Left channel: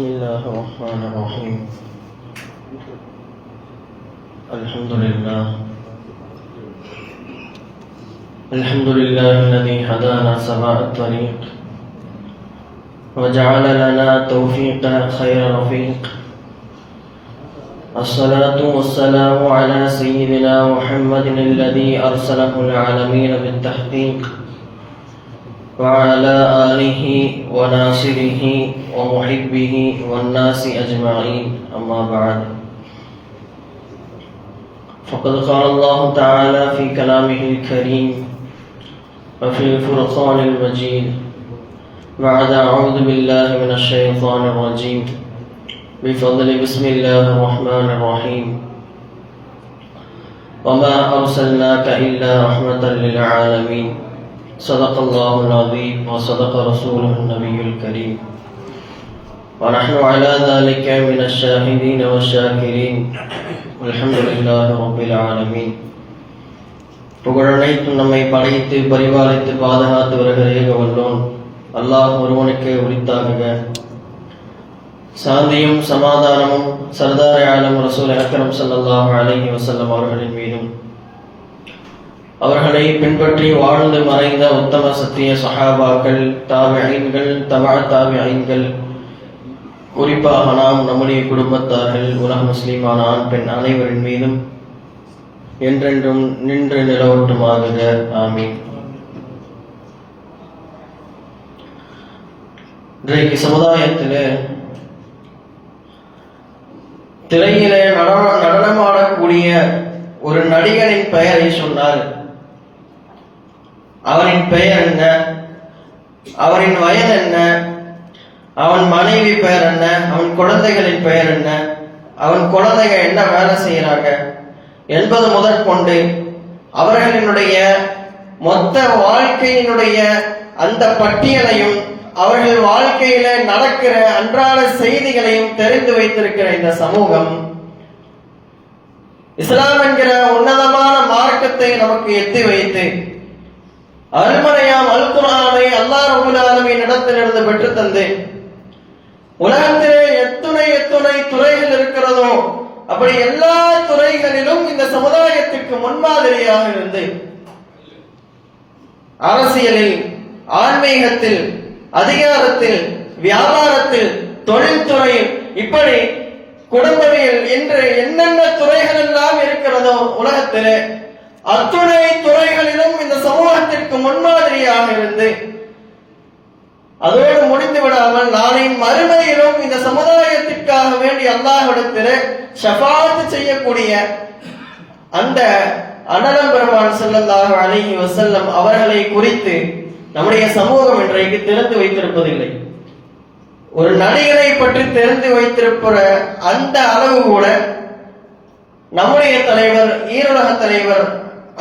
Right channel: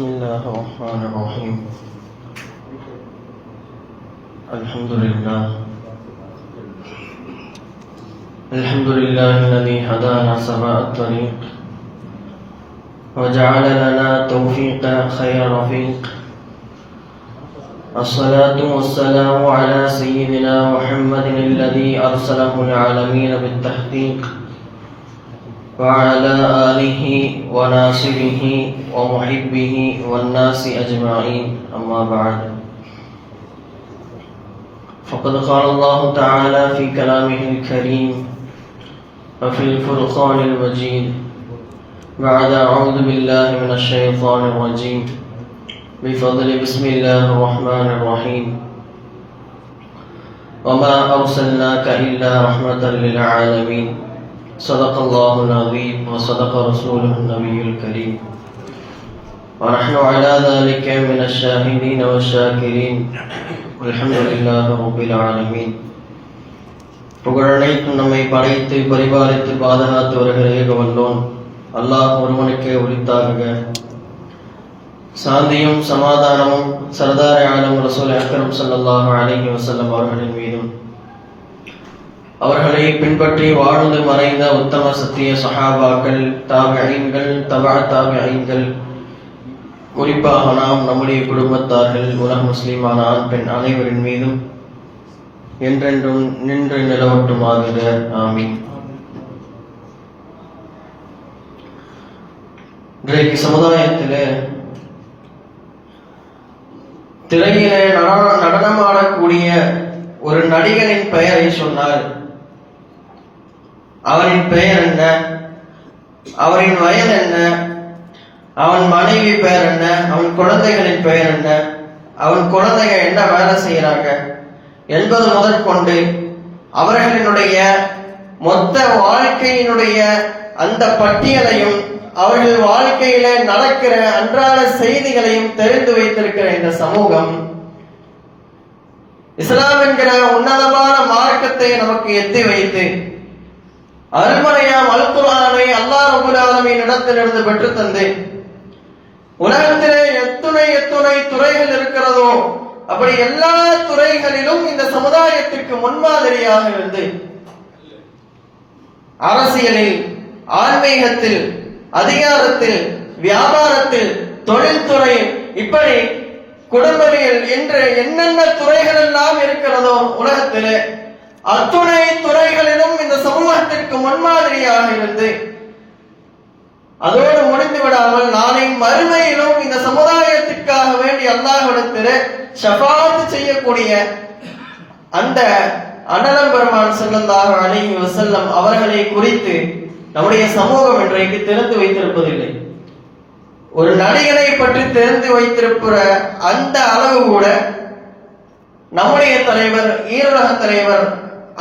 بسم الله الرحمن الرحيم. الحمد لله الذي هدانا سواء الطريق وجعل لنا توفيق خير رفيق. الصلاة والسلام على سيدنا محمد الذي أرسله العالمين بالتحقيق وعلى آله وناصره ومحبه والناس أجمعين، أما بعد. فقد قال الله تعالى في كلامه الكريم وفي الفرقان المجيد بعد أعوذ بالله من الشيطان الرجيم بفضل بسم الله الرحمن الرحيم. وما أرسلناك إلا رحمة للعالمين. صدق الله العظيم وصدق رسوله النبي الكريم ونحن على ذلك من الشاهدين والشاكرين والحمد لله رب العالمين. புகழனைத்தும் நம்மை படைத்து பரிபாலித்து பாதுகாத்து வருகிற ஏக வல்லோன் அல்லாஹ் ஒருவனுக்கே உரித்தாகுக. சாந்தியும் சமாதானமும் சர்தார் ஆலம் ரசூல் அக்ரம் ஸல்லல்லாஹு அலைஹி வஸல்லம் அவர்களின் மீதும் அவர்களை பின்பற்றி வாழ்ந்து மறைந்த உத்தம சத்திய சஹாபாக்கள், தாபிஈன்கள், தபா தாபிஈன்கள், குறிப்பாக நாம் நம்முடைய குடும்பத்தார்கள், உலக முஸ்லிமான ஆண் பெண் அனைவரின் மீதும் என்றென்றும் நின்று நிலவட்டுமாகிற ஆமீன். இன்றைக்கு சமுதாயத்தில் திரையில நடனமாடக்கூடிய ஒரு நடிகனின் பெயரை சொன்னால் அவனின் பெயர் என்ன, அவரின் வயது என்ன, அவன் மனைவி பெயர் என்ன, அவன் குழந்தைகளின் பெயர் என்ன, அவன் குழந்தைகள் என்ன வேலை செய்யறாங்க என்பது முதற்கொண்டு அவர்களினுடைய மொத்த வாழ்க்கையினுடைய அந்த பட்டியலையும் அவர்கள் வாழ்க்கையில நடக்கிற அன்றாட செய்திகளையும் தெரிந்து வைத்திருக்கிற இந்த சமூகம் இஸ்லாம் என்கிற உன்னதமான மார்க்கத்தை நமக்கு எத்தி வைத்து அருள்மறையாம் அல் குர்ஆனை அல்லாஹ் ரப்பல் ஆலமீன் இடத்திலிருந்து பெற்று தந்து உலகத்திலே எத்துணை துறைகள் இருக்கிறதோ அப்படி எல்லா துறைகளிலும் இந்த சமுதாயத்திற்கு முன்மாதிரியாக இருந்து அரசியலில், ஆன்மீகத்தில், அதிகாரத்தில், வியாபாரத்தில், தொழில்துறையில், இப்படி குடும்பவியல் என்று என்னென்ன துறைகள் எல்லாம் இருக்கிறதோ உலகத்திலே அத்துணை துறைகளிலும் இந்த சமூகத்திற்கு முன்மாதிரியாக இருந்து அதோடு முடிந்து விடாமல் நாளை மறுமையிலும் இந்த சமுதாயத்திற்காக வேண்டி அல்லாஹ்விடத்தில் ஷஃபாஅத் செய்யக்கூடிய அந்த அண்ணலம் பெருமான் ஸல்லல்லாஹு அலைஹி வஸல்லம் அவர்களை குறித்து நம்முடைய சமூகம் இன்றைக்கு தெரிந்து வைத்திருப்பதில்லை. ஒரு நடிகரை பற்றி தெரிந்து வைத்திருக்கிற அந்த அளவு கூட நம்முடைய தலைவர், ஈருலக தலைவர்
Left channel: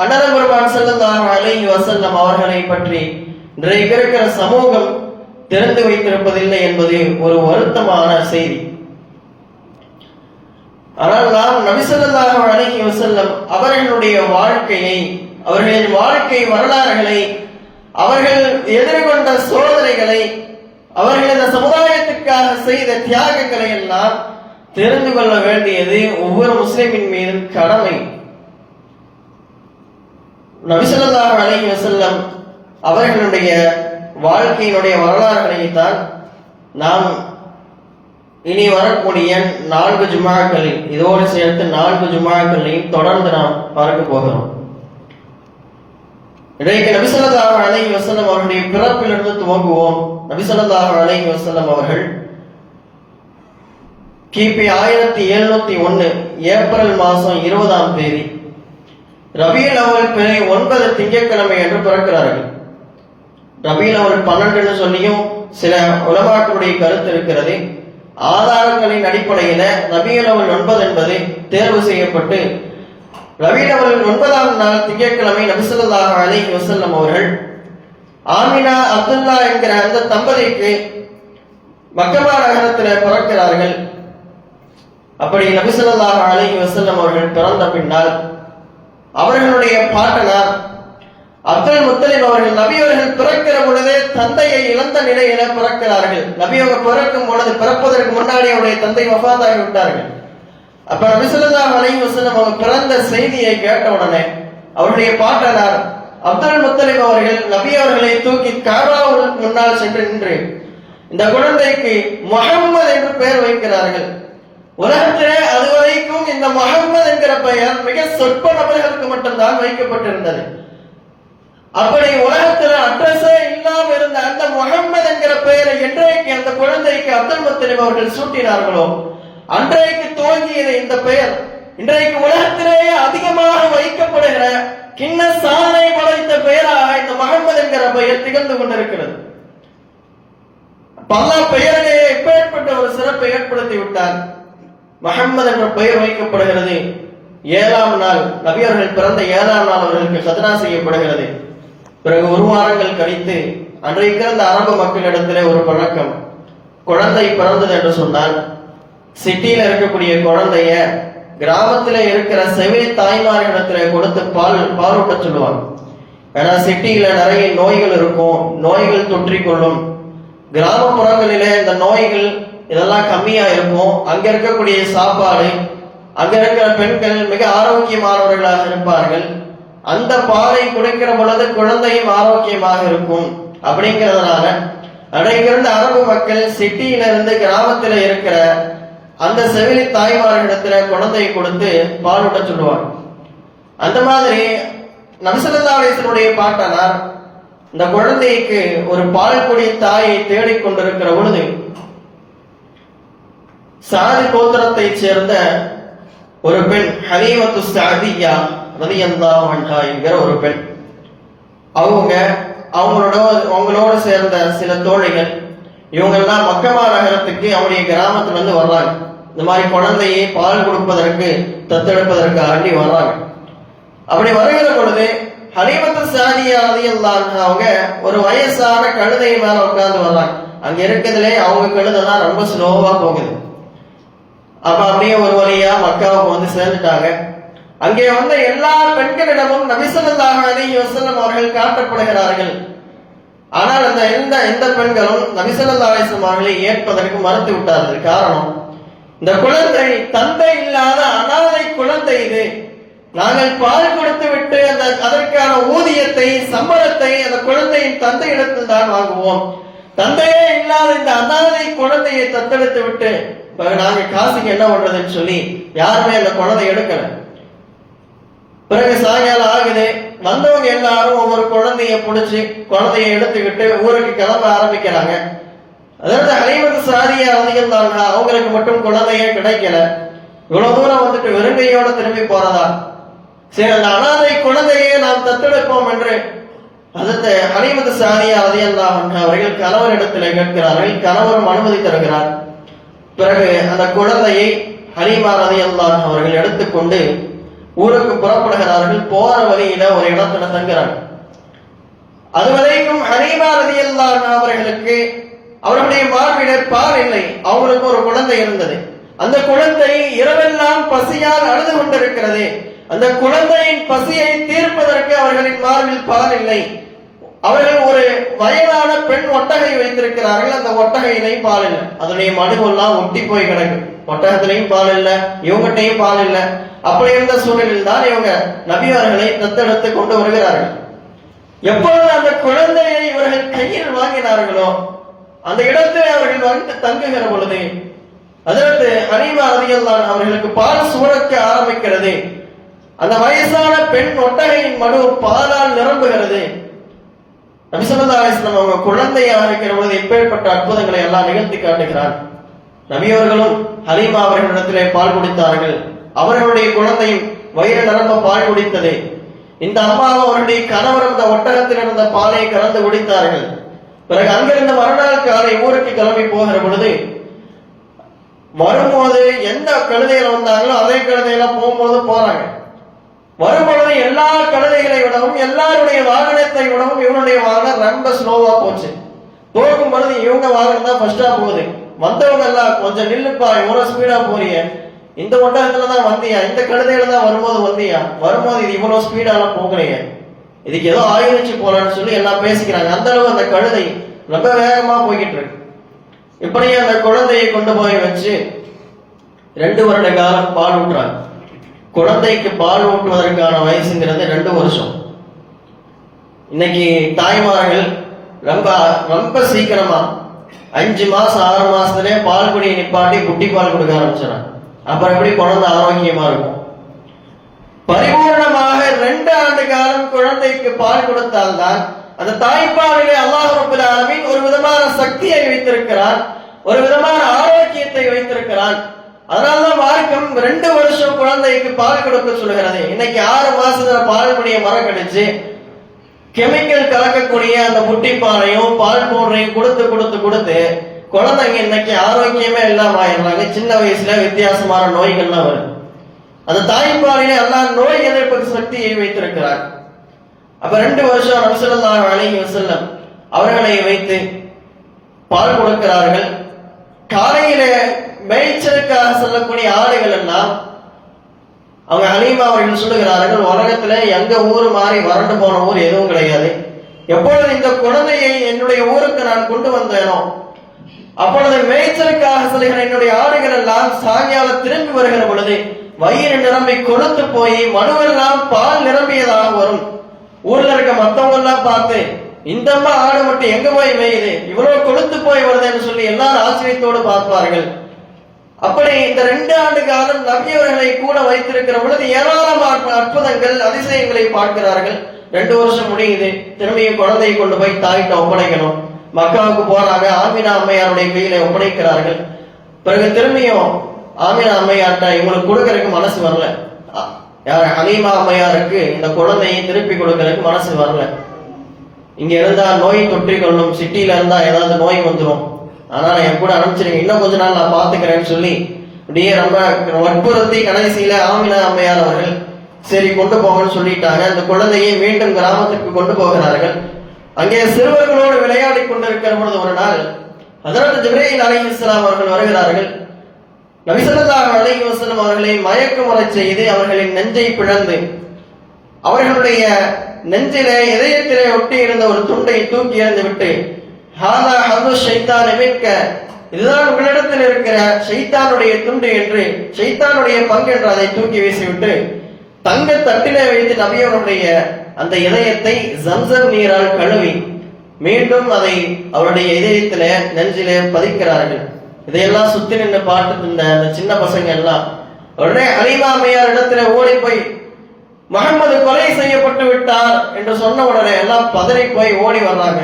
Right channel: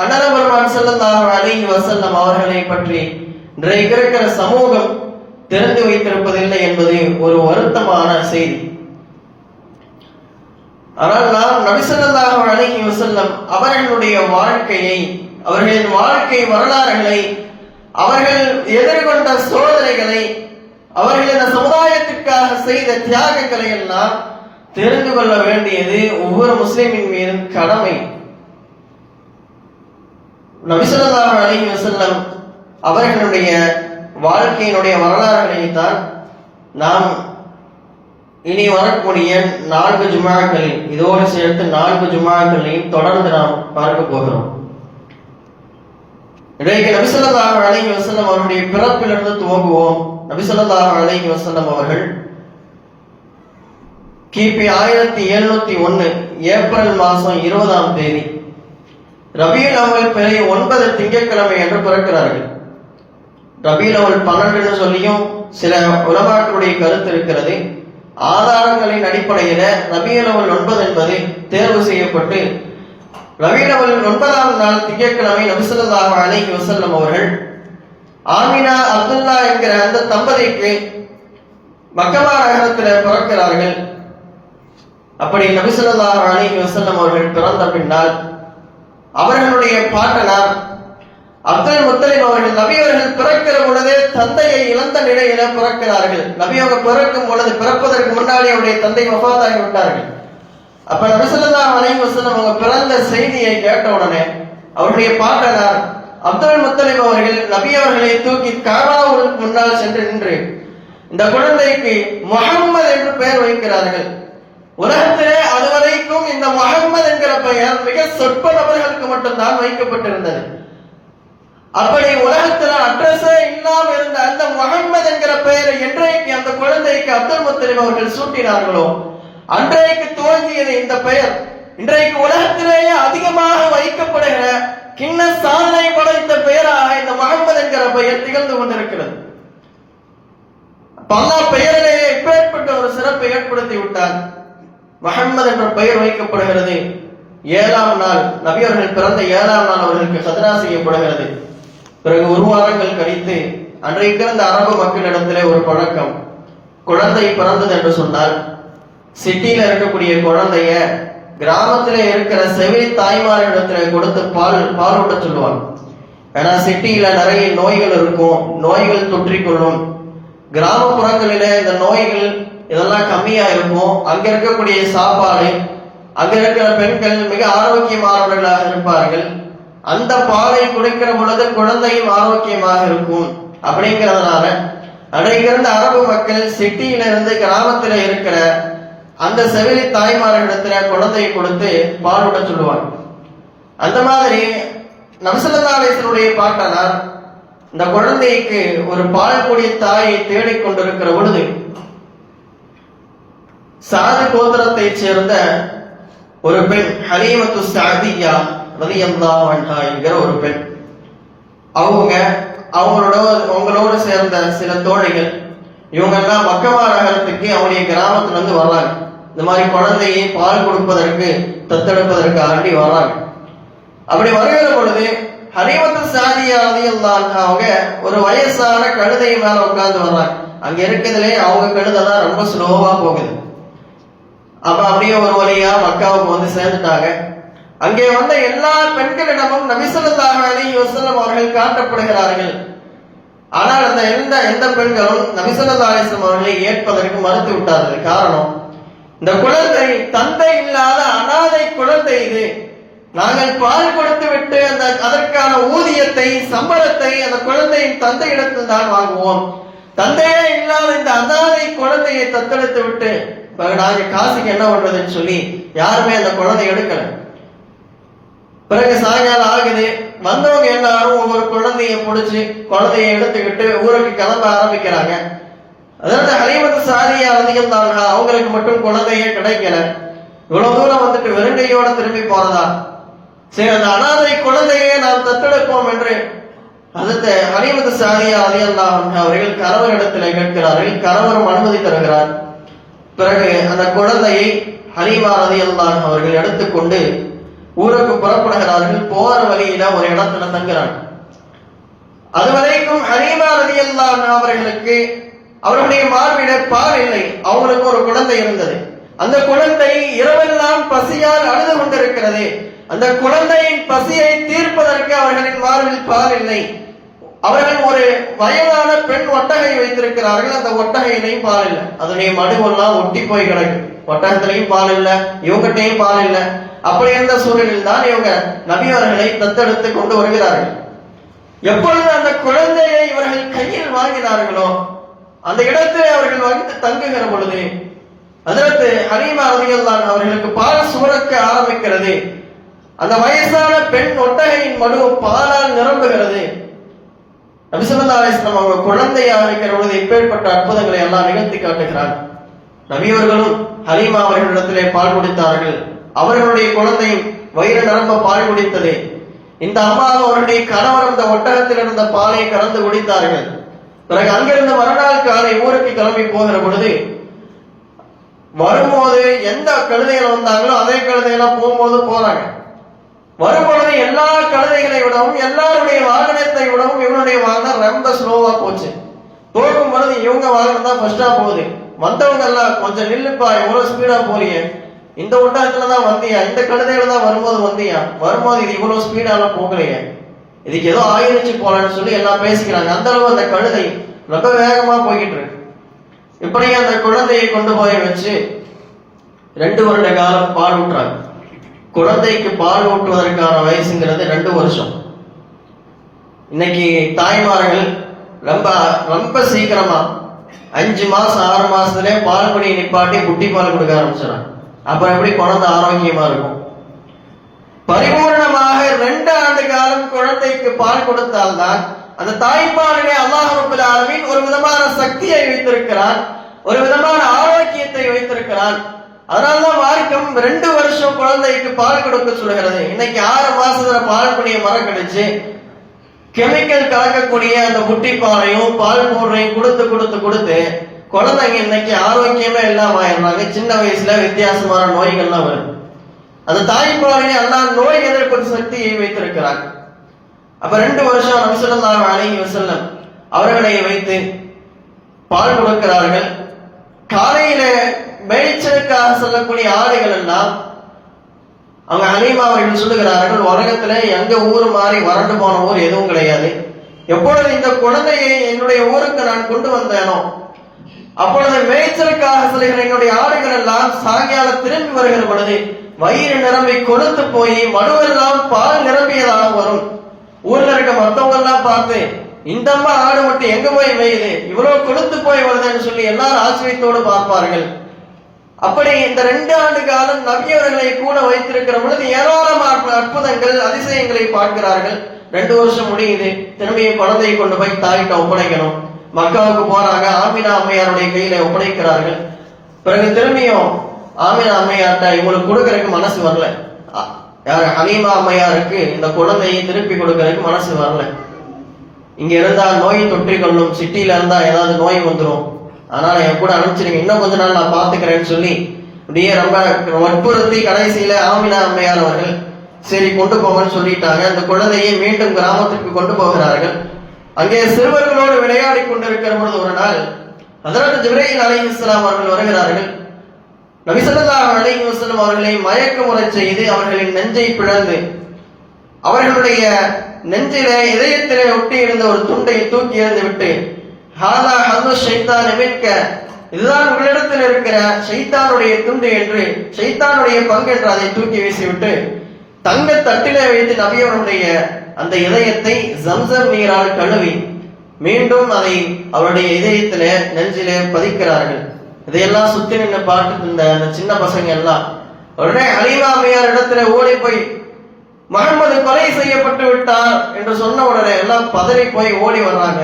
அண்ணலம் பெருமான் ஸல்லல்லாஹு அலைஹி வஸல்லம் அவர்களை பற்றி இன்றைக்கு இருக்கிற சமூகம் தெரிந்து வைத்திருப்பதில்லை என்பது ஒரு வருத்தமான செய்தி. ஆனால் நாம் நபி ஸல்லல்லாஹு அலைஹி வஸல்லம் அவர்களுடைய வாழ்க்கையை, அவர்களின் வாழ்க்கை வரலாறுகளை, அவர்கள் எதிர்கொண்ட சோதனைகளை, அவர்கள் இந்த சமுதாயத்திற்காக செய்த தியாகங்களை எல்லாம் தெரிந்து கொள்ள வேண்டியது ஒவ்வொரு முஸ்லிமின் மீதும் கடமை. நபி ஸல்லல்லாஹு அலைஹி வஸல்லம் அவர்களுடைய வாழ்க்கையினுடைய வரலாறுகளை தான் நாம் இனி வரக்கூடிய 4 ஜுமாக்களில், இதோடு சேர்த்து 4 ஜுமாக்களையும் தொடர்ந்து நாம் பார்க்க போகிறோம். இன்றைக்கு நபி ஸல்லல்லாஹு அலைஹி வஸல்லம் அவருடைய பிறப்பிலிருந்து துவங்குவோம். நபி ஸல்லல்லாஹு அலைஹி வஸல்லம் அவர்கள் கிபி 1701 ஏப்ரல் மாதம் 20ஆம் தேதி ரபியுல் அவ்வல் பிறை 9 திங்கட்கிழமை என்று பிறக்கிறார்கள். ரபியுல் அவ்வல் 12 சொல்லியும் சில உலமாக்களுடைய கருத்து இருக்கிறது. ஆதாரங்களின் அடிப்படையில ரபியுல் அவ்வல் 9 என்பது தேர்வு செய்யப்பட்டு ரபியுல் அவ்வல் 9ஆம் நாள் திங்கட்கிழமை நபி ஸல்லல்லாஹு அலைஹி வஸல்லம் அவர்கள் ஆமினா அப்துல்லா என்கிற அந்த தம்பதிக்கு மக்கமா நகரத்தில் பிறக்கிறார்கள். அப்படி நபி ஸல்லல்லாஹு அலைஹி வஸல்லம் அவர்கள் பிறந்த பின்னால் அவர்களுடைய பாட்டனார் அப்துல் முத்தலிப் அவர்கள் நபி அவர்கள் பிறக்கிற பொழுதே தந்தையை இழந்த நிலையில பிறக்கிறார்கள். நபி அவங்க பிறக்கும் பொழுது பிறப்பதற்கு முன்னாடி அவருடைய தந்தை வஃபாத்தாகி விட்டார்கள். அப்ப நபி ஸல்லல்லாஹு அலைஹி வஸல்லம் அவங்க பிறந்த செய்தியை கேட்ட உடனே அவருடைய பாட்டனார் அப்துல் முத்தலிப் அவர்கள் நபி அவர்களை தூக்கி காபாவுக்கு முன்னால் சென்று நின்று இந்த குழந்தைக்கு முஹம்மது என்று பெயர் வைக்கிறார்கள். உலகத்திலே அதுவரைக்கும் இந்த முஹம்மது என்கிற பெயர் மிக சொற்ப நபர்களுக்கு மட்டும்தான் வைக்கப்பட்டிருந்தது. அப்படி உலகத்துல அட்ரஸே இல்லாம இருந்த அந்த முஹம்மது என்கிற பெயரை என்றைக்கு அந்த குழந்தைக்கு அப்துல் முத்தலிப் அவர்கள் சூட்டினார்களோ அன்றைக்கு துவங்கியது இந்த பெயர் இன்றைக்கு உலகத்திலேயே அதிகமாக வைக்கப்படுகிற கிண்ண சாதனை படைத்த பெயராக இந்த முஹம்மது என்கிற பெயர் திகழ்ந்து கொண்டிருக்கிறது. பல பெயரிலேயே இப்பேற்பட்ட ஒரு சிறப்பை ஏற்படுத்தி விட்டார். முஹம்மது என்ற பெயர் வைக்கப்படுகிறது. 7ஆம் நாள் நபி அவர்கள் பிறந்த 7ஆம் நாள் அவர்களுக்கு கத்ரா செய்யப்படுகிறது. பிறகு 1 வாரங்கள் கழித்து அன்றைக்கு இருந்த அரபு மக்களிடத்திலே ஒரு பழக்கம், குழந்தை பிறந்தது என்று சொன்னால் சிட்டியில இருக்கக்கூடிய குழந்தைய கிராமத்திலே இருக்கிற செவிலி தாய்மாரிடத்திலே கொடுத்து பாலூட்ட சொல்லுவாங்க. ஏன்னா சிட்டியில நிறைய நோய்கள் இருக்கும், நோய்கள் தொற்றிக்கொள்ளும். கிராமப்புறங்களிலே இந்த நோய்கள் இதெல்லாம் கம்மியா இருக்கும். அங்க இருக்கக்கூடிய சாப்பாடு, அங்க இருக்கிற பெண்கள் மிக ஆரோக்கியமானவர்களாக இருப்பார்கள். அந்த பாலை குடிக்கிற பொழுது குழந்தையும் ஆரோக்கியமாக இருக்கும். அப்படிங்கிறதுனால அன்றைக்கிருந்த அரபு மக்கள் சிட்டியில இருந்து கிராமத்துல இருக்கிற அந்த செவிலி தாய்மார்களிடத்துல குழந்தையை கொடுத்து பாலூட்ட சொல்லுவாங்க. அந்த மாதிரி நபி ஸல்லல்லாஹு அலைஹி வஸல்லம் பாட்டனார் இந்த குழந்தைக்கு ஒரு பால் குடி தாயை தேடிக்கொண்டிருக்கிற பொழுது சாது கோத்திரத்தை சேர்ந்த ஒரு பெண் ஹலீமத்து ஸஅதிய்யா ரலியல்லாஹு அன்ஹா என்கிற ஒரு பெண், அவங்களோட சேர்ந்த சில தோழிகள், இவங்க எல்லாம் மக்கமா நகரத்துக்கு அவருடைய கிராமத்துல இருந்து வர்றாங்க. இந்த மாதிரி குழந்தையை பால் கொடுப்பதற்கு தத்தெடுப்பதற்கு ஆண்டி வர்றாங்க. அப்படி வருகிற பொழுது ஹலீமத்து ஸஅதிய்யா ரலியல்லாஹு அன்ஹா அவங்க ஒரு வயசான கழுதை மேல உட்கார்ந்து வர்றாங்க. அங்க இருக்கிறதுலே அவங்க கழுதைதான் ரொம்ப ஸ்லோவா போகுது. அப்ப அப்படியே ஒரு வழியா மக்காவுக்கு வந்து சேர்ந்துட்டாங்க. அங்கே வந்த எல்லா பெண்களிடமும் நபி ஸல்லல்லாஹு அலைஹி வஸல்லம் அவர்கள் காட்டப்படுகிறார்கள். ஆனால் அந்த எந்த பெண்களும் நபி ஸல்லல்லாஹு அலைஹி வஸல்லம் அவர்களை ஏற்பதற்கு மறுத்து விட்டார்கள். காரணம், இந்த குழந்தை தந்தை இல்லாத அனாதை குழந்தை, இது நாங்கள் பால் கொடுத்து விட்டு அதற்கான ஊதியத்தை சம்பளத்தை அந்த குழந்தையின் தந்தையிடத்தில் தான் வாங்குவோம். தந்தையே இல்லாத இந்த அனாதை குழந்தையை தத்தெடுத்து விட்டு நாங்க காசுக்கு என்ன பண்றதுன்னு சொல்லி யாருமே அந்த குழந்தை எடுக்கல. பிறகு சாயங்காலம் ஆகுது, வந்தவங்க எல்லாரும் ஒவ்வொரு குழந்தைய பிடிச்சி குழந்தைய எடுத்துக்கிட்டு ஊருக்கு கிளம்ப ஆரம்பிக்கிறாங்க. அதாவது ஹலீமத்து ஸஅதிய்யா ரலியல்லாஹு அன்ஹா அவங்களுக்கு மட்டும் குழந்தையே கிடைக்கல. இவ்வளவு தூரம் வந்துட்டு வெறுங்கையோட திரும்பி போறதா, சரி அந்த அனாதை குழந்தையே நாம் தத்தெடுப்போம் என்று அதற்கு ஹலீமத்து ஸஅதிய்யா ரலியல்லாஹு அன்ஹா அவர்கள் கணவரிடத்தில் கேட்கிறார்கள். கணவரும் அனுமதி தருகிறார். பிறகு அந்த குழந்தையை ஹலீமா ரலியல்லாஹு அன்ஹா அவர்கள் எடுத்துக்கொண்டு ஊருக்கு புறப்படுகிறார்கள். போற வழியில ஒரு இடத்துல தங்குறாங்க. அதுவரைக்கும் ஹலீமா ரலியல்லாஹு அன்ஹா அவர்களுக்கு அவருடைய மார்பிட பால் இல்லை. அவங்களுக்கு ஒரு குழந்தை இருந்தது. அந்த குழந்தை இரவெல்லாம் பசியால் அழுது கொண்டிருக்கிறது. அந்த குழந்தையின் பசியை தீர்ப்பதற்கு அவர்களின் மார்பில் பால் இல்லை. அவர்கள் ஒரு வயதான பெண் ஒட்டகை வைத்திருக்கிறார்கள். அந்த ஒட்டகையிலையும் பால் இல்லை. அதனுடைய மடுவெல்லாம் ஒட்டி போய் கிடக்கு. ஒட்டகத்திலையும் பால் இல்லை, இவங்ககிட்டையும் பால் இல்லை. அப்படி இருந்த சூழலில் தான் இவங்க நபி அவர்களை தத்தெடுத்து கொண்டு வருகிறார்கள். எப்பொழுது அந்த குழந்தையை இவர்கள் கையில் வாங்கினார்களோ அந்த இடத்தில் அவர்கள் வந்து தங்குகிற பொழுது அதற்கு ஹலீமா ரலியல்லாஹு அன்ஹா அவர்களுக்கு பால் சுரக்க ஆரம்பிக்கிறது. அந்த வயசான பெண் ஒட்டகையின் மடு பாலால் நிரம்புகிறது. நபி ஸல்லல்லாஹு அலைஹி வஸல்லம் அவங்க குழந்தையாக இருக்கிற பொழுது இப்பேற்பட்ட அற்புதங்களை எல்லாம் நிகழ்த்தி காட்டுகிறார். நபி அவர்களும் ஹலீமா அவர்களிடத்திலே பால் குடித்தார்கள். அவர்களுடைய குழந்தை வயிறு நிரம்ப பால் குடித்தது. இந்த அம்மாவும் அவருடைய கணவரும் இந்த ஒட்டகத்தில் இருந்த பாலை கலந்து குடித்தார்கள். பிறகு அங்கிருந்து மறுநாள் காலை ஊருக்கு கிளம்பி போகிற பொழுது வரும்போது எந்த கழுதையில வந்தாங்களோ அதே கழுதையில போகும்போது போறாங்க. வரும்பொழுது எல்லா கழுதைகளை விடவும் எல்லாருடைய வாகனத்தை விடவும் இவனுடைய வாகனம் ரொம்ப ஸ்லோவா போச்சு. போகும் பொழுது இவங்க வாகனம் தான் ஃபர்ஸ்டா போகுது. வந்தவங்க எல்லாம் கொஞ்சம் நில்லுப்பா, இவ்வளவு ஸ்பீடா போறீங்க, இந்த ஒட்டகத்துல தான் வந்தியா, இந்த கழுதையில தான் வரும்போது வந்தியா, வரும்போது இது இவ்வளவு ஸ்பீடாலாம் போகலையே, இதுக்கு ஏதோ ஆயுதச்சு போலன்னு சொல்லி எல்லாம் பேசிக்கிறாங்க. அந்த அளவு அந்த கழுதை ரொம்ப வேகமா போய்கிட்டு இருக்கு. இப்படியே அந்த குழந்தையை கொண்டு போய் வச்சு 2 வருட காலம் பால் ஊட்டுறாங்க. குழந்தைக்கு பால் ஊட்டுவதற்கான வயசுங்கிறது 2 வருஷம். இன்னைக்கு தாய்மார்கள் ரொம்ப ரொம்ப சீக்கிரமா 5 மாசம் 6 மாசத்துலயே பால் குடியை நிப்பாட்டி குட்டி பால் கொடுக்க ஆரம்பிச்சிடறாங்க. அப்புறம் எப்படி குழந்தை ஆரோக்கியமா இருக்கும்? பரிபூர்ணமாக 2 ஆண்டு காலம் குழந்தைக்கு பால் கொடுத்தால்தான் அந்த தாய்ப்பாலிலே அல்லாஹ் ரப்பல் ஆலமீன் ஒரு விதமான சக்தியை வைத்திருக்கிறான், ஒரு விதமான ஆரோக்கியத்தை வைத்திருக்கிறான். அதனாலதான் மார்க்கம் 2 வருஷம் குழந்தைக்கு பால் கொடுக்க சொல்கிறது. இன்னைக்கு 6 மாசத்துல பால் குடிய மறக்கடிச்சு கெமிக்கல் கலக்கக்கூடிய அந்த குட்டி பாலையும் பால் பவுடரையும் கொடுத்து கொடுத்து கொடுத்து குழந்தைங்க இன்னைக்கு ஆரோக்கியமே இல்லாம ஆயிடுறாங்க. சின்ன வயசுல வித்தியாசமான நோய்கள்லாம் வரும். அந்த தாய்ப்பாலிலே அல்லாஹ் நோய் எதிர்ப்பு சக்தியை வைத்திருக்கிறார். அப்ப 2 வருஷம் நபி ஸல்லல்லாஹு அலைஹி வஸல்லம் அவர்களை வைத்து பால் கொடுக்கிறார்கள். காலையில மேய்ச்சலுக்காக செல்லக்கூடிய ஆடுகள் எல்லாம் அவங்க ஹலீமா அவர்கள் சொல்லுகிறார்கள், உலகத்துல எங்க ஊர் மாதிரி வறண்டு போன ஊர் எதுவும் கிடையாது. எப்பொழுது இந்த குழந்தையை என்னுடைய ஊருக்கு நான் கொண்டு வந்தேனோ அப்பொழுது மேய்ச்சலுக்காக செல்கிற என்னுடைய ஆடுகள் எல்லாம் சாயங்காலம் திரும்பி வருகிற பொழுது வயிறு நிரம்பி கொழுத்து போய் மடுவெல்லாம் பால் நிரம்பியதாக வரும். ஊர்ல இருக்க மத்தவங்க எல்லாம் பார்த்து இந்த அம்மா ஆடு மட்டும் எங்க போய் மேயுது, இவ்வளவு கொழுத்து போய் வருதுன்னு சொல்லி எல்லாரும் ஆச்சரியத்தோடு பார்ப்பார்கள். அப்படி இந்த 2 ஆண்டு காலம் நபியவர்களை கூட வைத்திருக்கிற பொழுது ஏராளமான அற்புதங்கள் அதிசயங்களை பார்க்கிறார்கள். 2 வருஷம் முடியுது. திரும்பிய குழந்தையை கொண்டு போய் தாயிட்ட ஒப்படைக்கணும். மக்களுக்கு போறாங்க. ஆமினா அம்மையாருடைய கையில ஒப்படைக்கிறார்கள். பிறகு திரும்பியும் ஆமினா அம்மையார்ட்ட இவங்களுக்கு கொடுக்கறதுக்கு மனசு வரல. யார் ஹலீமா அம்மையாருக்கு இந்த குழந்தையை திருப்பி கொடுக்கறதுக்கு மனசு வரல. இங்க இருந்தா நோய் தொற்றிக்கொள்ளும், சிட்டியில இருந்தா ஏதாவது நோய் வந்துடும், அதனால என் கூட அனுப்பிச்சிருங்க, இன்னும் கொஞ்ச நாள் நான் பாத்துக்கிறேன்னு சொல்லி அப்படியே ரொம்ப வற்புறுத்தி கடைசியில ஆமினா அம்மையார் அவர்கள் சரி கொண்டு போங்கன்னு சொல்லிட்டாங்க. அந்த குழந்தையை மீண்டும் கிராமத்துக்கு கொண்டு போகிறார்கள். அங்கே சிறுவர்களோடு விளையாடி கொண்டிருக்கிற பொழுது ஒரு நாள் ஹஜ்ரத் ஜிப்ரீல் அலைஹிஸ்ஸலாம் அவர்கள் வருகிறார்கள். நபி ஸல்லல்லாஹு அலைஹி வஸல்லம் அவர்களை மயக்கமுறை செய்து அவர்களின் நெஞ்சை பிளந்து அவர்களுடைய நெஞ்சிலே இதயத்திலே ஒட்டி இருந்த ஒரு துண்டை தூக்கி எறிந்து விட்டு ஹாலா ஹது ஷைத்தான் மின்க, இதுதான் உங்களிடத்தில் இருக்கிற ஷைத்தானுடைய துண்டு என்று, ஷைத்தானுடைய பங்கு என்று அதை தூக்கி வீசிவிட்டு தங்க தட்டிலே வைத்து நபியவருடைய அந்த இதயத்தை ஜம்சம் நீரால் கழுவி மீண்டும் அதை அவருடைய இதயத்திலே நெஞ்சிலே பதிக்கிறார்கள். இதையெல்லாம் சுத்தி நின்று பார்த்துட்டு இருந்த அந்த சின்ன பசங்க எல்லாம் உடனே ஹலீமா அம்மையார் இடத்துல ஓடி போய் முஹம்மது கொலை செய்யப்பட்டு விட்டார் என்று சொன்ன உடனே எல்லாம் பதறி போய் ஓடி வர்றாங்க.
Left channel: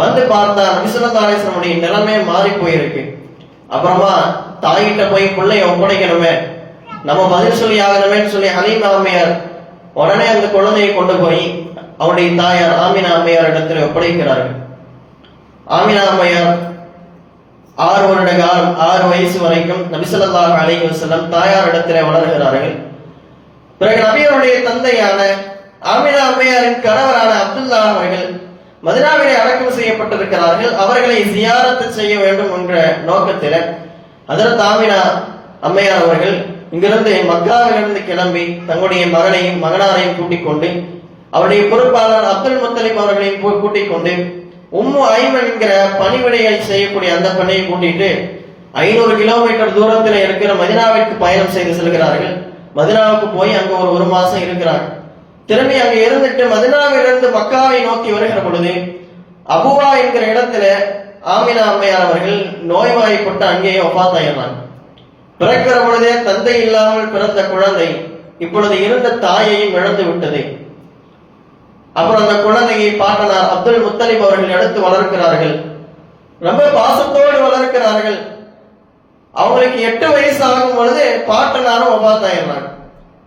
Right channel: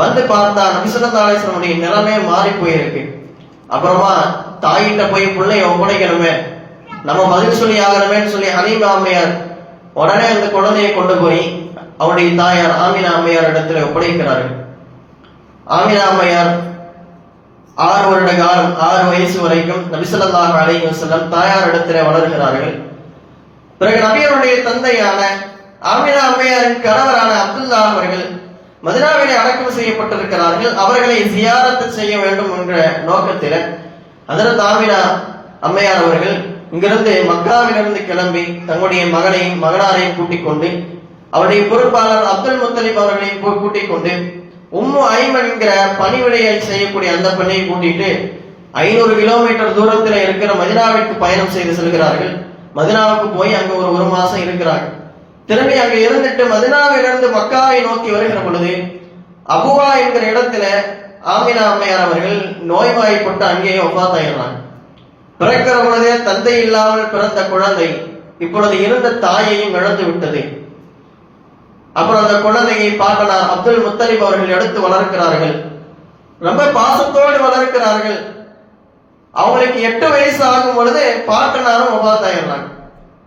வந்து பார்த்தா நபி ஸல்லல்லாஹு அலைஹி வஸல்லம் நிலைமை மாறி போயிருக்கு. அப்புறமா தாயிட்ட போய் பிள்ளைய ஒப்படைக்கணுமே, நம்ம பதில் சொல்லி ஆகணுமேன்னு சொல்லி ஹலீமா அம்மையார் உடனே அந்த குழந்தையை கொண்டு போய் அவருடைய தாயார் ஆமினா அம்மையார் இடத்துல ஒப்படைக்கிறார்கள். ஆமினா அம்மையார் 6 வருட காலம் 6 வயசு வரைக்கும் நபி ஸல்லல்லாஹு அலைஹி வஸல்லம் தாயார் இடத்திலே வளர்கிறார்கள். பிறகு நபியருடைய தந்தையான ஆமினா அம்மையாரின் கணவரான அப்துல்லா அவர்கள் மதீனாவிலே அடக்கம் செய்யப்பட்டிருக்கிறார்கள். அவர்களை ஜியாரத் செய்ய வேண்டும் என்ற நோக்கத்தில் ஹஜ்ரத் ஆமினா அம்மையார் அவர்கள் இங்கிருந்து மக்காவிலிருந்து கிளம்பி தங்களுடைய மகனையும் மகனாரையும் கூட்டிக் கொண்டு அவருடைய பொறுப்பாளர் அப்துல் முத்தலிப் அவர்களையும் கூட்டிக் கொண்டு உம்மு ஐமன் என்கிற பணிவிடையை செய்யக்கூடிய அந்த பணியை கூட்டிட்டு 500 கிலோமீட்டர் தூரத்தில் இருக்கிற மதீனாவிற்கு பயணம் செய்து செல்கிறார்கள். மதீனாவுக்கு போய் அங்க ஒரு மாசம் இருக்கிறார்கள். திரும்பி அங்க இருந்துட்டு மதீனாவிலிருந்து மக்காவை நோக்கி வருகிற பொழுது அபுவா என்கிற இடத்துல ஆமினா அம்மையார் அவர்கள் நோய்வாய்ப்பட்டு அங்கேயே வஃபாத் ஆகிறாங்க. பிறக்கிற பொழுதே தந்தை இல்லாமல் பிறந்த குழந்தை இப்பொழுது இருந்த தாயையும் இழந்து விட்டது. அப்புறம் அந்த குழந்தையை பாட்டனார் அப்துல் முத்தலிப் அவர்கள் எடுத்து வளர்க்கிறார்கள். ரொம்ப பாசத்தோடு வளர்க்கிறார்கள். அவங்களுக்கு 8 வயசு ஆகும் பொழுது பாட்டனாரும் வஃபாத் ஆயிடுறாங்க.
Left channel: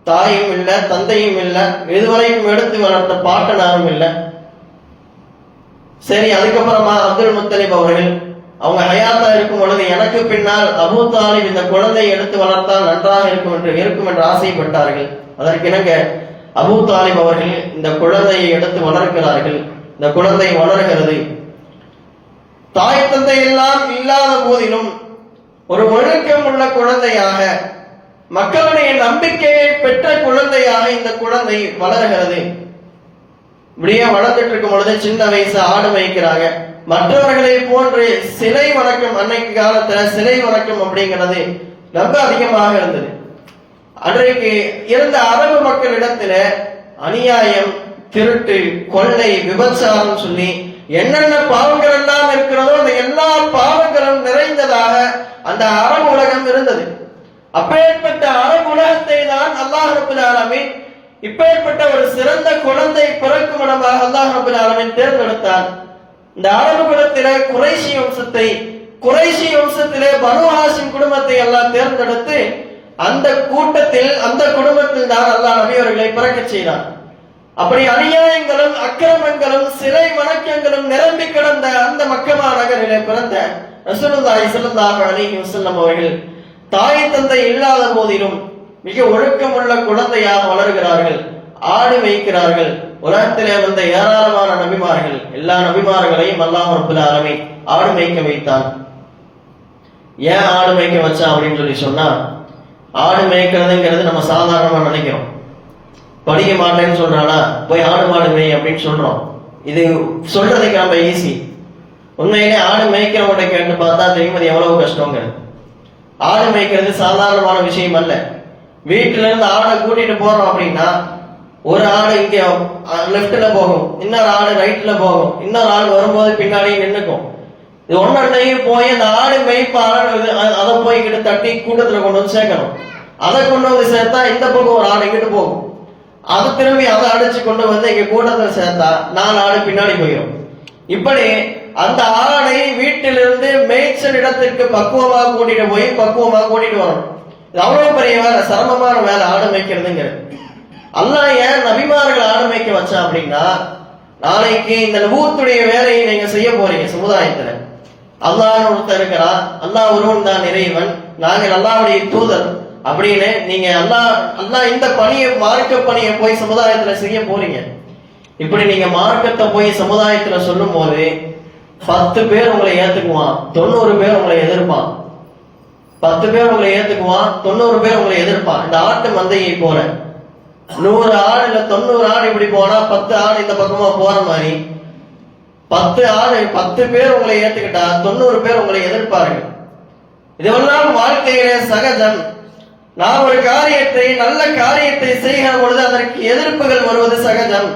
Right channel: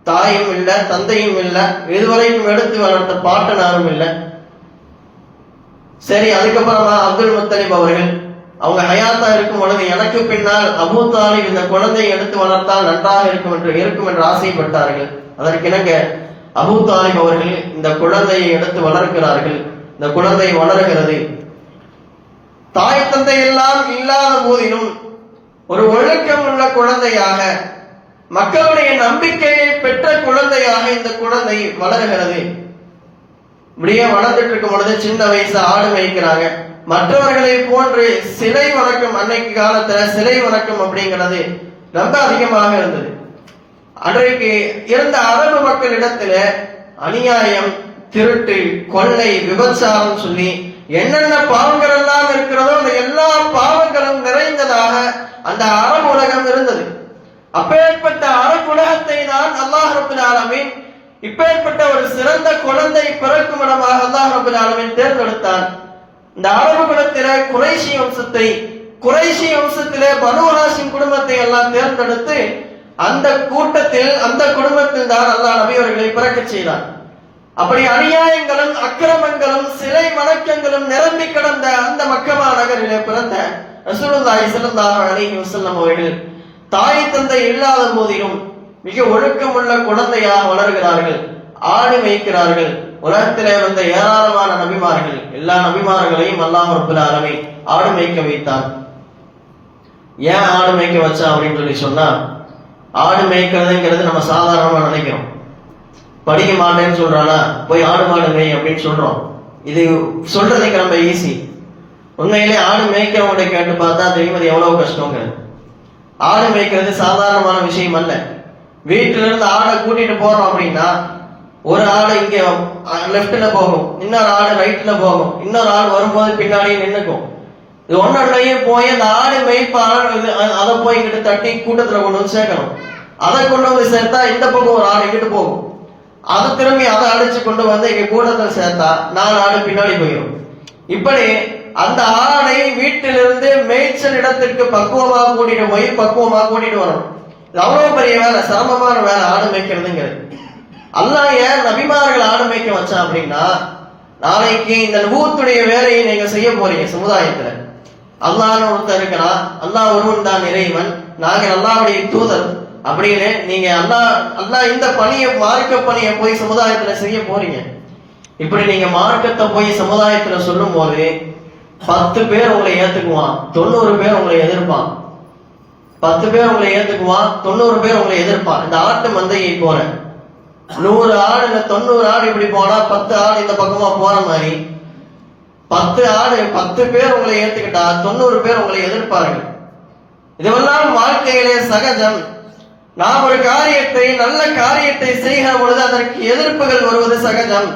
தாயும் இல்ல, தந்தையும் இல்ல, இதுவரைக்கும் எடுத்து வளர்த்த பாட்டனாரும் இல்ல. சரி, அதுக்கப்புறமா அப்துல் முத்தலிப் அவர்கள் அவங்க ஹயாத்தா இருக்கும் பொழுது எனக்கு பின்னால் அபூ தாலிப் இந்த குழந்தையை எடுத்து வளர்த்தால் நன்றாக இருக்கும் என்று ஆசைப்பட்டார்கள். அதற்கிணங்க அபூ தாலிப் அவர்கள் இந்த குழந்தையை எடுத்து வளர்க்கிறார்கள். இந்த குழந்தை வளர்கிறது. தாய் தந்தை எல்லாம் இல்லாத போதிலும் ஒரு ஒழுக்கம் உள்ள குழந்தையாக, மக்களுடைய நம்பிக்கையை பெற்ற குழந்தையாக இந்த குழந்தை வளர்கிறது. இப்படியே வளர்ந்துட்டு இருக்கும் பொழுது சின்ன வயசு ஆடு மேய்க்கிறாங்க. மற்றவர்களை போன்று சிலை வணக்கம், அன்னைக்கு காலத்துல சிலை வணக்கம் அப்படிங்கிறது ரொம்ப அதிகமாக இருந்தது. அன்றைக்கு இருந்த அரபு மக்களிடத்துல அநியாயம், திருட்டு, கொள்ளை, விபச்சாரம் சொல்லி என்னென்ன பாவங்கள் எல்லாம் இருக்கிறதோ அந்த எல்லா பாவங்களும் நிறைந்ததாக அந்த அரபு உலகம் இருந்தது. அப்பேற்பட்ட அரபு உலகத்தை தான் அல்லாஹ் ரப்பல் ஆலமீன் இப்பேற்பட்ட ஒரு சிறந்த குழந்தை பிறக்கும் இடமாக அல்லாஹ் ரப்பல் ஆலமீன் தேர்ந்தெடுத்தான். இந்த அரபு குலத்திலே குறைஷி வம்சத்திலே பனு ஹாஷிம் குடும்பத்தை எல்லாம் தேர்ந்தெடுத்து அந்த கூட்டத்தில் அந்த குடும்பத்தில் தான் அல்லாஹ் நபி அவர்களை பிறக்க செய்தான். அப்படி அநியாயங்களும் அக்கிரமங்களும் சிலை வணக்கங்களும் நிரம்பி கிடந்த அந்த மக்கமா நகரிலே பிறந்த ரசூலுல்லாஹி ஸல்லல்லாஹு அலைஹி வஸல்லம் அவர்கள் தாய் தந்தை இல்லாத போதிலும் மிக ஒழுக்கமுள்ள குழந்தையாக வளர்கிறார்கள், ஆடு மேய்க்கிறார்கள். உலகத்திலே வந்த ஏராளமான நபிமார்கள், எல்லா நபிமார்களையும் அல்லாஹ் ரப்பல் ஆலமீன் ஆடு மேய்க்க வைத்தான். ஏன் ஆடு மேய்க்க வச்சா அப்படின்னு சொல்லி சொன்னா, ஆடு மேய்க்கிறதுங்கிறது நம்ம சாதாரணமா நினைக்கிறோம். படிக்க மாட்டேன்னு சொல்றானா போய் ஆடு மாடு மேய் அப்படின்னு சொல்றோம். இது சொல்றதுக்கு நம்ம ஈஸி. உண்மையிலே ஆடு மேய்க்கிறவங்க கேட்டு பார்த்தா தெரியும் அது எவ்வளவு கஷ்டங்க. ஆடு மேய்க்கிறது சாதாரணமான விஷயம் அல்ல. வீட்டுல இருந்து ஆடை கூட்டிட்டு போறோம் அப்படின்னா ஒரு ஆடு இங்க லெப்ட்ல போகும், இன்னொரு ஆடு ரைட்ல போகும், இன்னொரு ஆடு வரும்போது பின்னாடியே நின்னுக்கும். இது ஒன்றையும் போய் அந்த ஆடு மேய்ப்பாளர் அதை போய் இங்கிட்ட தட்டி கூட்டத்துல கொண்டு வந்து சேர்க்கணும். அதை கொண்டு வந்து சேர்த்தா இந்த பக்கம் ஒரு ஆடு இங்கிட்டு போகும், அது திரும்பி அதை அடைச்சு கொண்டு வந்து இங்க கூட்டத்தில் சேர்த்தா 4 ஆடு பின்னாடி போயிடும். இப்படி அந்த ஆடை வீட்டிலிருந்து மேய்ச்சல் இடத்திற்கு பக்குவமாக கூட்டிட்டு வரணும். இது அவ்வளவு பெரிய வேலை, சிரமமான வேலை ஆடு மேய்க்கிறதுங்கிறது. அல்லாஹ் ஏன் நபிமார்கள் ஆடு மேய்க்க வச்சா அப்படின்னா, நாளைக்கு இந்த நபுவத்துடைய வேலையை நீங்க செய்ய போறீங்க சமுதாயத்துல. அல்லாஹ்னு ஒருத்தர் இருக்கிறான், அல்லாஹ் ஒருவன் தான் இறைவன், நாங்கள் அல்லாஹ்வுடைய தூதர் அப்படின்னு நீங்க அல்லாஹ் இந்த பணியை, மார்க்க பணியை போய் சமுதாயத்துல செய்ய போறீங்க. இப்படி நீங்க மார்க்கத்தை போய் சமுதாயத்துல சொல்லும் போது 10 பேர் உங்களை ஏத்துக்குவான், 90 பேர் உங்களை எதிர்ப்பான். 10 பேர் உங்களை ஏத்துக்குவான், 90 பேர் உங்களை எதிர்ப்பான். இந்த ஆட்டு மந்தையை போல 100 ஆடு இல்ல 90 ஆடு இப்படி போனா 10 ஆடு இந்த பக்கமா போற மாதிரி 10 ஆடு 10 பேர் உங்களை ஏத்துக்கிட்டா 90 பேர் உங்களை எதிர்ப்பார்கள். இதுவெல்லாம் வாழ்க்கையிலே சகஜம். நாம் ஒரு காரியத்தை, நல்ல காரியத்தை செய்கிற பொழுது அதற்கு எதிர்ப்புகள் வருவது சகஜம்.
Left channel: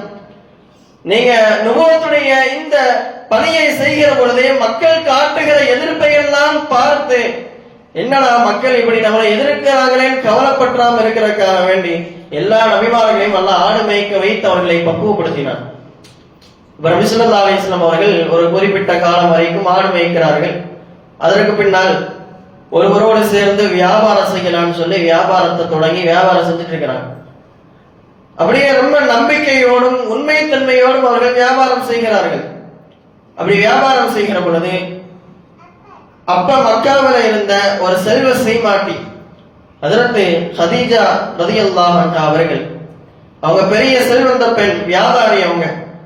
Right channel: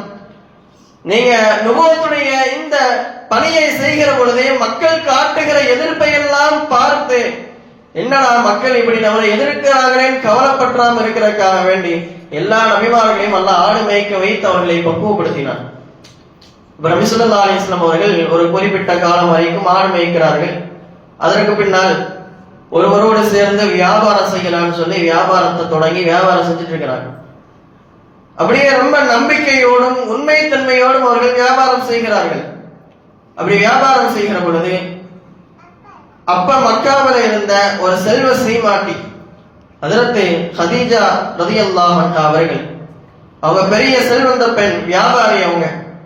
நீங்க நுபுவத்துடைய இந்த பணியை செய்கிற பொழுதே மக்கள் காட்டுகிற எதிர்ப்பை எல்லாம் பார்த்து என்னடா மக்கள் இப்படி நம்மளை எதிர்க்கிறாங்களேன்னு கவலைப்பற்றாம இருக்கிறதுக்காக வேண்டி எல்லா நபிமார்களையும் அல்லாஹ் ஆடு மேய்க்க வைத்து அவர்களை பக்குவப்படுத்தினார். நபி ஸல்லல்லாஹு அலைஹி வஸல்லம் அவர்கள் ஒரு குறிப்பிட்ட காலம் வரைக்கும் ஆடு மேய்க்கிறார்கள். அதற்கு பின்னால் ஒருவரோடு சேர்ந்து வியாபாரம் செய்யலாம்னு சொல்லி வியாபாரத்தை தொடங்கி வியாபாரம் செஞ்சுட்டு இருக்கிறாங்க. அப்படியே ரொம்ப நம்பிக்கையோடும் உண்மைத்தன்மையோடும் அவர்கள் வியாபாரம் செய்கிறார்கள். அப்படி வியாபாரம் செய்கிற பொழுது அப்ப மக்காவில் இருந்த ஒரு செல்வ ஸ்ரீமாட்டி ஹஜ்ரத் ஹதீஜா ரலியல்லாஹு அன்ஹா அவர்கள், அவங்க பெரிய செல்வந்த பெண், வியாபாரி.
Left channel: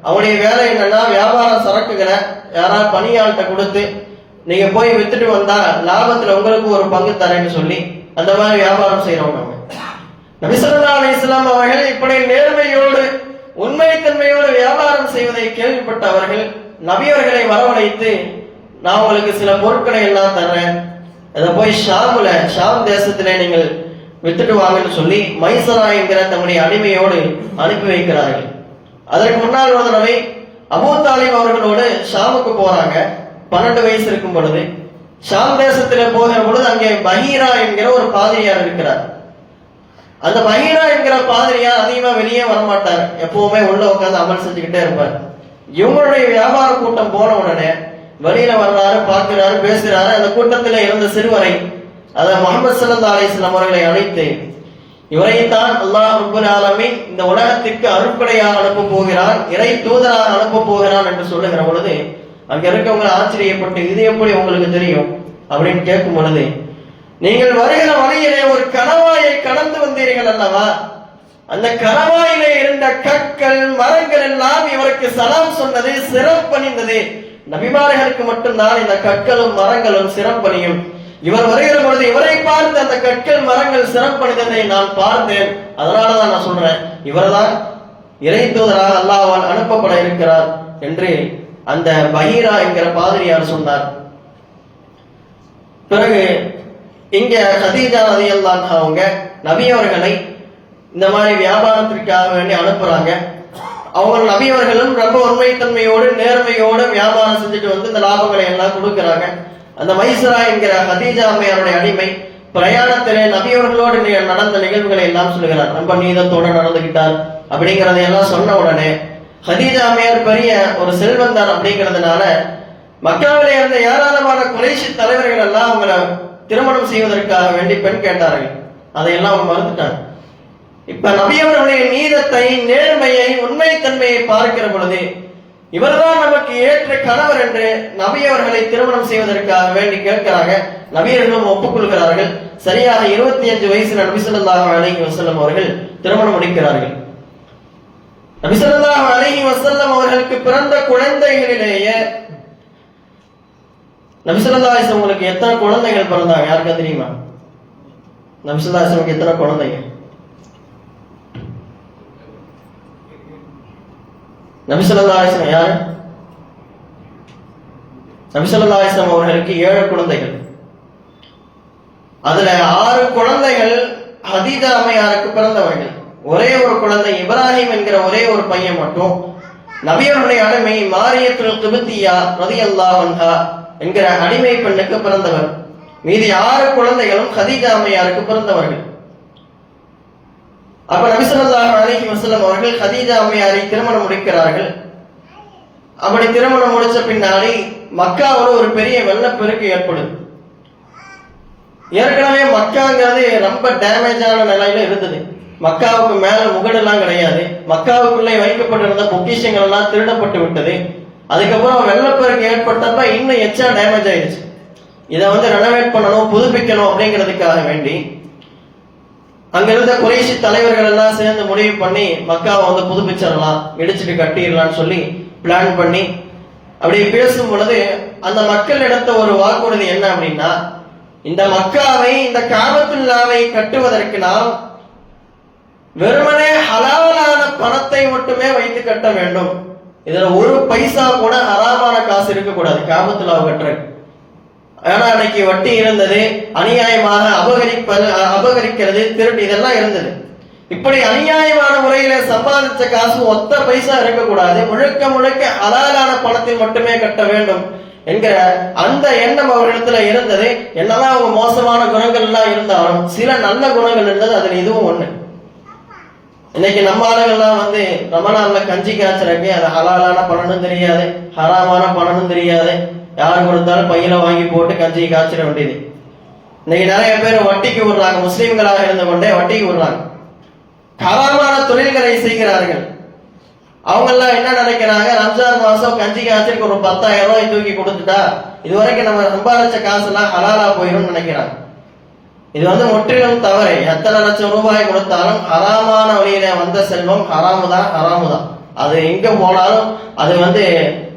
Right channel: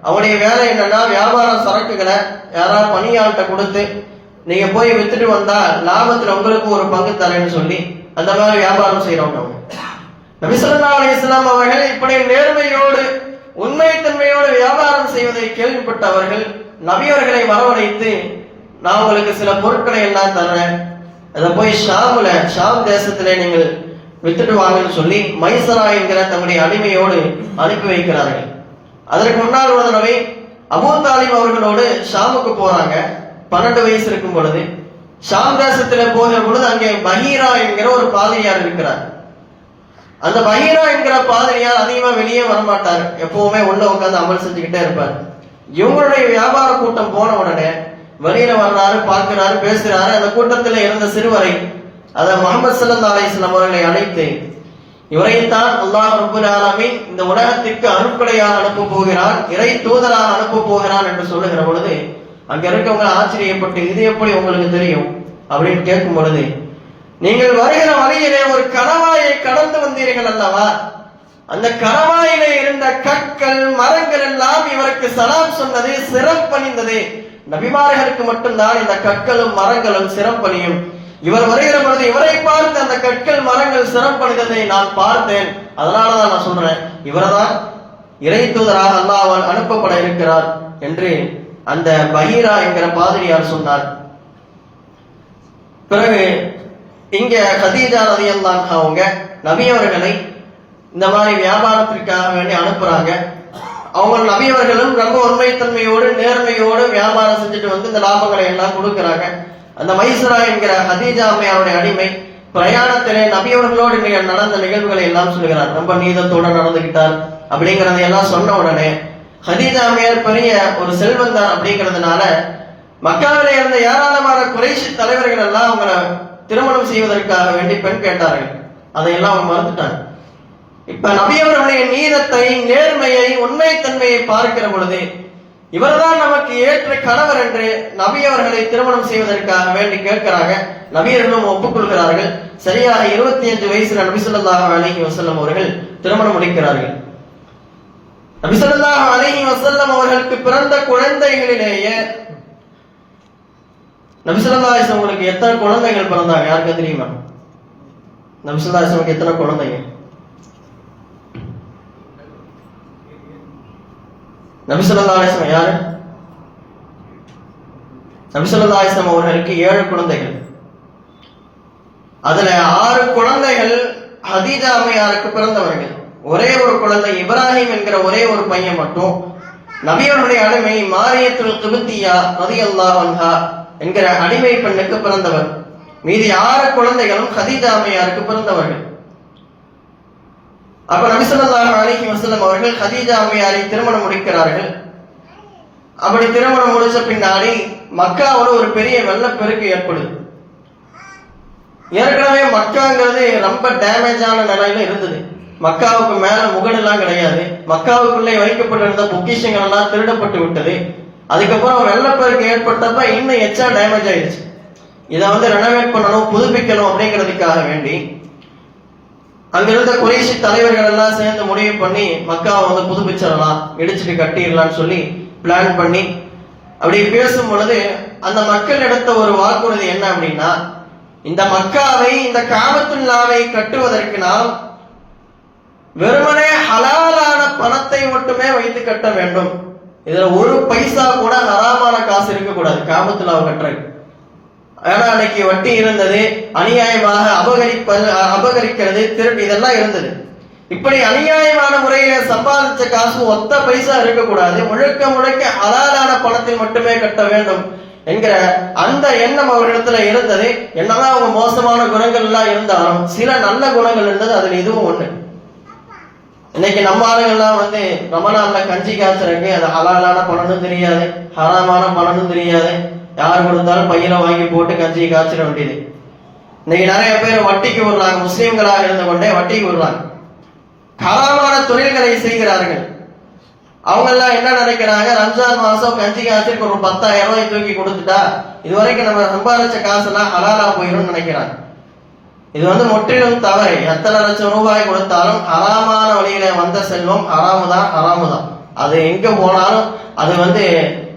அவங்களுடைய வேலை என்னன்னா, வியாபார சரக்குகளை யாராவது பணியாள்கிட்ட கொடுத்து நீங்க போய் வித்துட்டு வந்தா லாபத்துல உங்களுக்கு ஒரு பங்கு தரேன்னு சொல்லி அந்த மாதிரி வியாபாரம் செய்யறவங்க. நபி ஸல்லல்லாஹு அலைஹி வஸல்லம் அவர்கள் இப்படி நேர்மையோடு உண்மைத்தன்மையோடு வியாபாரம் செய்வதை கேள்விப்பட்ட அவர்கள் நபியவர்களை வரவழைத்து, நான் உங்களுக்கு சில பொருட்களை எல்லாம் தர்றேன், அதை போய் ஷாம் தேசத்திலே நீங்கள் வித்துட்டு வாங்கன்னு சொல்லி மைசரா என்கிற தம்முடைய அடிமையோடு அனுப்பி வைக்கிறார்கள். அதற்கு முன்னால் ஒரு தடவை அபூ தாலிப் அவர்களோடு ஷாமுக்கு போறாங்க. 12 வயசு இருக்கும் பொழுது ஷாம் தேசத்திலே போகிற பொழுது அங்கே பஹீரா என்கிற ஒரு பாதிரியார் இருக்கிறார். அந்த பஹீரா என்கிற பாதிரியார் அதிகமா வெளியே வரமாட்டார், எப்பவுமே உள்ள உட்கார்ந்து அமல் செஞ்சுக்கிட்டே இருப்பார். இவங்களுடைய வியாபார கூட்டம் போன உடனே வெளியில வர்றாரு, பார்க்கிறாரு, பேசுகிறாரு. அந்த கூட்டத்தில் இருந்த சிறுவரை, அதை முஹம்மது ஸல்லல்லாஹு அலைஹி வஸல்லம் அவர்களை அழைத்து, இவரைத்தான் அல்லாஹ் ரப்பல் ஆலமீன் இந்த உலகத்திற்கு அருட்கொடையாக அனுப்ப போகிறான், இறை தூதராக அனுப்ப போகிறான் என்று சொல்லுகிற பொழுது அங்க இருக்கவங்க ஆச்சரியப்பட்டு, இது எப்படி உங்களுக்கு தெரியும் அப்படின்னு கேட்கும் பொழுது, நீங்கள் வருகிற வழியிலே ஒரு கணவாயை கடந்து வந்தீர்கள் அல்லவா, அந்த கணவாயிலே இருந்த கற்கள் மரங்கள் எல்லாம் இவருக்கு சலாம் சொன்னது, சிறப்பணிந்தது. நபிமார்களுக்கு மட்டும்தான் இந்த கற்களும் மரங்களும் சிறப்பணியும். இவர் வருகிற பொழுது இவரை பார்த்து அந்த கற்கள் மரங்கள் சிறப்பணிந்ததை நான் பார்த்தேன். அதனாலதான் நான் சொல்றேன், இவர்தான் இறை தூதராக அல்லாஹ்வால் அனுப்பப்பட இருக்கிறார் என்று அந்த பஹீரா என்கிற பாதிரியார் சொன்னார். பிறகு இங்க கதீஜா ரலியல்லாஹு அன்ஹா அவங்க நபி அவர்களை இந்த மாதிரி வியாபாரத்திற்காக வேண்டி அனுப்புறாங்க. அவங்க நபி அவர்களும் ரொம்ப உண்மைத்தன்மையோடு நேர்மையோடு வியாபாரம் செஞ்சுட்டு வந்து இந்த லாபங்களை எல்லாம் கொடுக்கிறாங்க. அந்த மைசரா என்கிற கதீஜா அம்மையாருடைய அடிமை பிரயாணத்திலே நபி அவர்களோடு நடந்த நிகழ்வுகளை எல்லாம் சொல்லுகிறார். ரொம்ப நீதத்தோடு நடந்துகிட்டார் அப்படிங்கறத எல்லாம் சொன்ன உடனே கதீஜா அம்மையார் பெரிய ஒரு செல்வந்தார் அப்படிங்கிறதுனால மக்காவிலே இருந்த ஏராளமான குறைஷி தலைவர்கள் எல்லாம் அவங்களை திருமணம் செய்வதற்காக வேண்டி பெண் கேட்டார்கள். அதையெல்லாம் அவங்க மறுத்துட்டாங்க. இப்ப நபி அவர்களுடைய நீதத்தை, நேர்மையை, உண்மைத்தன்மையை பார்க்கிற பொழுது இவர்தான் நமக்கு ஏற்ற கணவர் என்று நபி அவர்களை திருமணம் செய்வதற்காக வேண்டி கேட்கிறாங்க. நபியர்களும் ஒப்புக்கொள்கிறார்கள். சரியாக 25 வயசுல நபி ஸல்லல்லாஹு அலைஹி வஸல்லம் அவர்கள் திருமணம் முடிக்கிறார்கள். நபி ஸல்லல்லாஹு அலைஹி வஸல்லம் அவர்களுக்கு பிறந்த குழந்தைகளிலேயே நபி ஸல்லல்லாஹு அலைஹி வஸல்லம் அவங்களுக்கு எத்தனை குழந்தைகள் பிறந்தாங்க யாருக்கு தெரியுமா? நபி ஸல்லல்லாஹு அலைஹி வஸல்லம் எத்தனை குழந்தைங்க? நபி ஸல்லல்லாஹு அலைஹி வஸல்லம் யாரு? நபி ஸல்லல்லாஹு அலைஹி வஸல்லம் அவர்களுக்கு 7 குழந்தைகள். அதுல 6 குழந்தைகள் ஹதீஜா அம்மையாருக்கு பிறந்தவர்கள். ஒரே ஒரு குழந்தை இப்ராஹிம் என்கிற ஒரே ஒரு பையன் மட்டும் நபி அவர்களுடைய அடிமை மாரியத்துல் கிப்தியா ரலியல்லாஹு அன்ஹா என்கிற அடிமை பெண்ணுக்கு பிறந்தவர். மீதி 6 குழந்தைகளும் ஹதீஜா அம்மையாருக்கு பிறந்தவர்கள். அப்ப நபி ஸல்லல்லாஹு அலைஹி வஸல்லம் அவர்கள் ஹதீஜா அம்மையாரை திருமணம் முடிக்கிறார்கள். அப்படி திருமணம் முடிச்ச பின்னாடி மக்காவோட ஒரு பெரிய வெள்ளப்பெருக்கு ஏற்படுது. ஏற்கனவே மக்காங்கிறது ரொம்ப டேமேஜான நிலையில இருந்தது. மக்காவுக்கு மேல முகடெல்லாம் கிடையாது. மக்காவுக்குள்ளே வைக்கப்பட்டிருந்த பொக்கிஷங்கள் எல்லாம் திருடப்பட்டு விட்டது. அதுக்கப்புறம் வெள்ளப்பெருக்கு ஏற்பட்டப்ப இன்னும் எச்சா டேமேஜ் ஆயிடுச்சு. இதை ரெனோவேட் பண்ணணும், புதுப்பிக்கணும் அப்படிங்கிறதுக்காக வேண்டி அங்கிருந்த குறைஷி தலைவர்கள் எல்லாம் சேர்ந்து முடிவு பண்ணி மக்காவை புதுப்பிச்சிடலாம், இடிச்சுட்டு கட்டிடலாம்னு சொல்லி பிளான் பண்ணி அப்படி பேசும் பொழுது அந்த மக்கள் எடுத்த ஒரு வாக்குறுதி என்ன அப்படின்னா, இந்த மக்காவை, இந்த காபத்துல்லாவை கட்டுவதற்கு நாம் வெறுமனே ஹலாலான பணத்தை மட்டுமே வைத்து கட்ட வேண்டும். இதுல ஒரு பைசா கூட ஹராமான காசு இருக்கக்கூடாது காபத்துல்லாவை கட்டுறது. ஏன்னா அன்னைக்கு வட்டி இருந்தது, அநியாயமாக அபகரிக்கிறது, திருட்டு இதெல்லாம் இருந்தது. இப்படி அநியாயமான முறையில சம்பாதிச்ச காசு ஒத்த பைசா இருக்கக்கூடாது, முழுக்க முழுக்க ஹலாலான பணத்தில் மட்டுமே கட்ட வேண்டும் என்கிற அந்த எண்ணம் அவர்களிடத்துல இருந்தது. என்னதான் அவங்க மோசமான குணங்கள் எல்லாம் இருந்தாலும் சில நல்ல குணங்கள் இருந்தது. அதுல இதுவும் ஒண்ணு. இன்னைக்கு நம்ம ஆளுங்கள்லாம் ரமணான்ல கஞ்சி காய்ச்சறக்கு அது ஹலாலான பணமும் தெரியாது, ஹராமான பணமும் தெரியாது. யார் கொடுத்தாலும் பையில வாங்கி போட்டு கஞ்சியை காய்ச்சிட வேண்டியது. இன்னைக்கு நிறைய பேர் வட்டிக்கு விடுறாங்க. முஸ்லீம்களாக இருந்து கொண்டே வட்டிக்கு விடுறாங்க. ஹராமான தொழில்களை செய்கிறார்கள். அவங்க எல்லாம் என்ன நினைக்கிறாங்க, ரம்ஜான் மாசம் கஞ்சி காய்ச்சலுக்கு ஒரு 10,000 ரூபாய் தூக்கி கொடுத்துட்டா இதுவரைக்கும் நம்ம சம்பாதிச்ச காசு எல்லாம் ஹலாலா போயிடும் நினைக்கிறாங்க. இது முற்றிலும் தவறு. எத்தனை லட்சம் ரூபாய் கொடுத்தாலும் ஹராமான வழியில வந்த செல்வம் ஹராமு தான். அது எங்க போனாலும் அது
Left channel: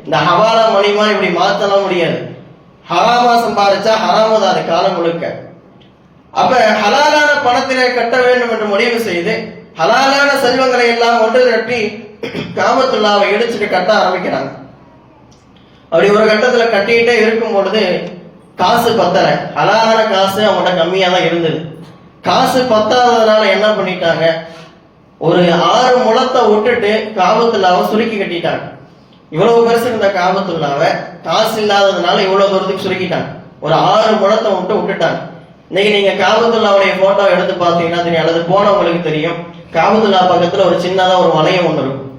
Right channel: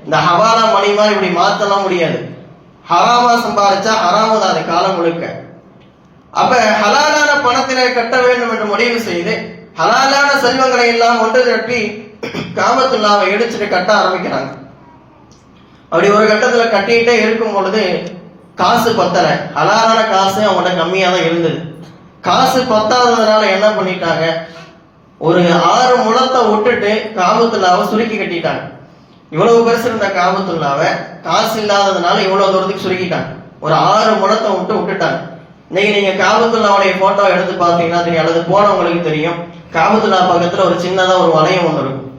இந்த ஹவாலா மணி மாதிரி இப்படி மாத்தலாம் முடியாது. ஹராமா சம்பாதிச்சா ஹராமு தான் அது காலம் முழுக்க. அப்ப ஹலாலான பணத்திலே கட்ட வேண்டும் என்று முடிவு செய்து ஹலாலான செல்வங்களை எல்லாம் ஒன்று திரட்டி காபத்துல்லாவை இடிச்சுட்டு கட்ட ஆரம்பிக்கிறாங்க. அப்படி ஒரு கட்டத்துல கட்டிட்டே இருக்கும் பொழுது காசு பத்தல. ஹலாலான காசு அவங்கள்ட்ட கம்மியா தான் இருந்தது. காசு பத்தாததுனால என்ன பண்ணிட்டாங்க, ஒரு 6 முழத்தை விட்டுட்டு காபத்துல்லாவை சுருக்கி கட்டிட்டாங்க. இவ்வளவு பெருசு இருந்த காபத்துல்லாவை காசு இல்லாததுனால இவ்வளவு தூரத்துக்கு சுருக்கிட்டாங்க. ஒரு 6 முழத்தை விட்டுட்டாங்க. இன்னைக்கு நீங்க காபத்துல்லாவுடைய போட்டோ எடுத்து பாத்தீங்கன்னா தெரியும், அல்லது போனவங்களுக்கு தெரியும். காபத்துல்லா பக்கத்துல ஒரு சின்னதா ஒரு வளையம் ஒண்ணு இருக்கும்,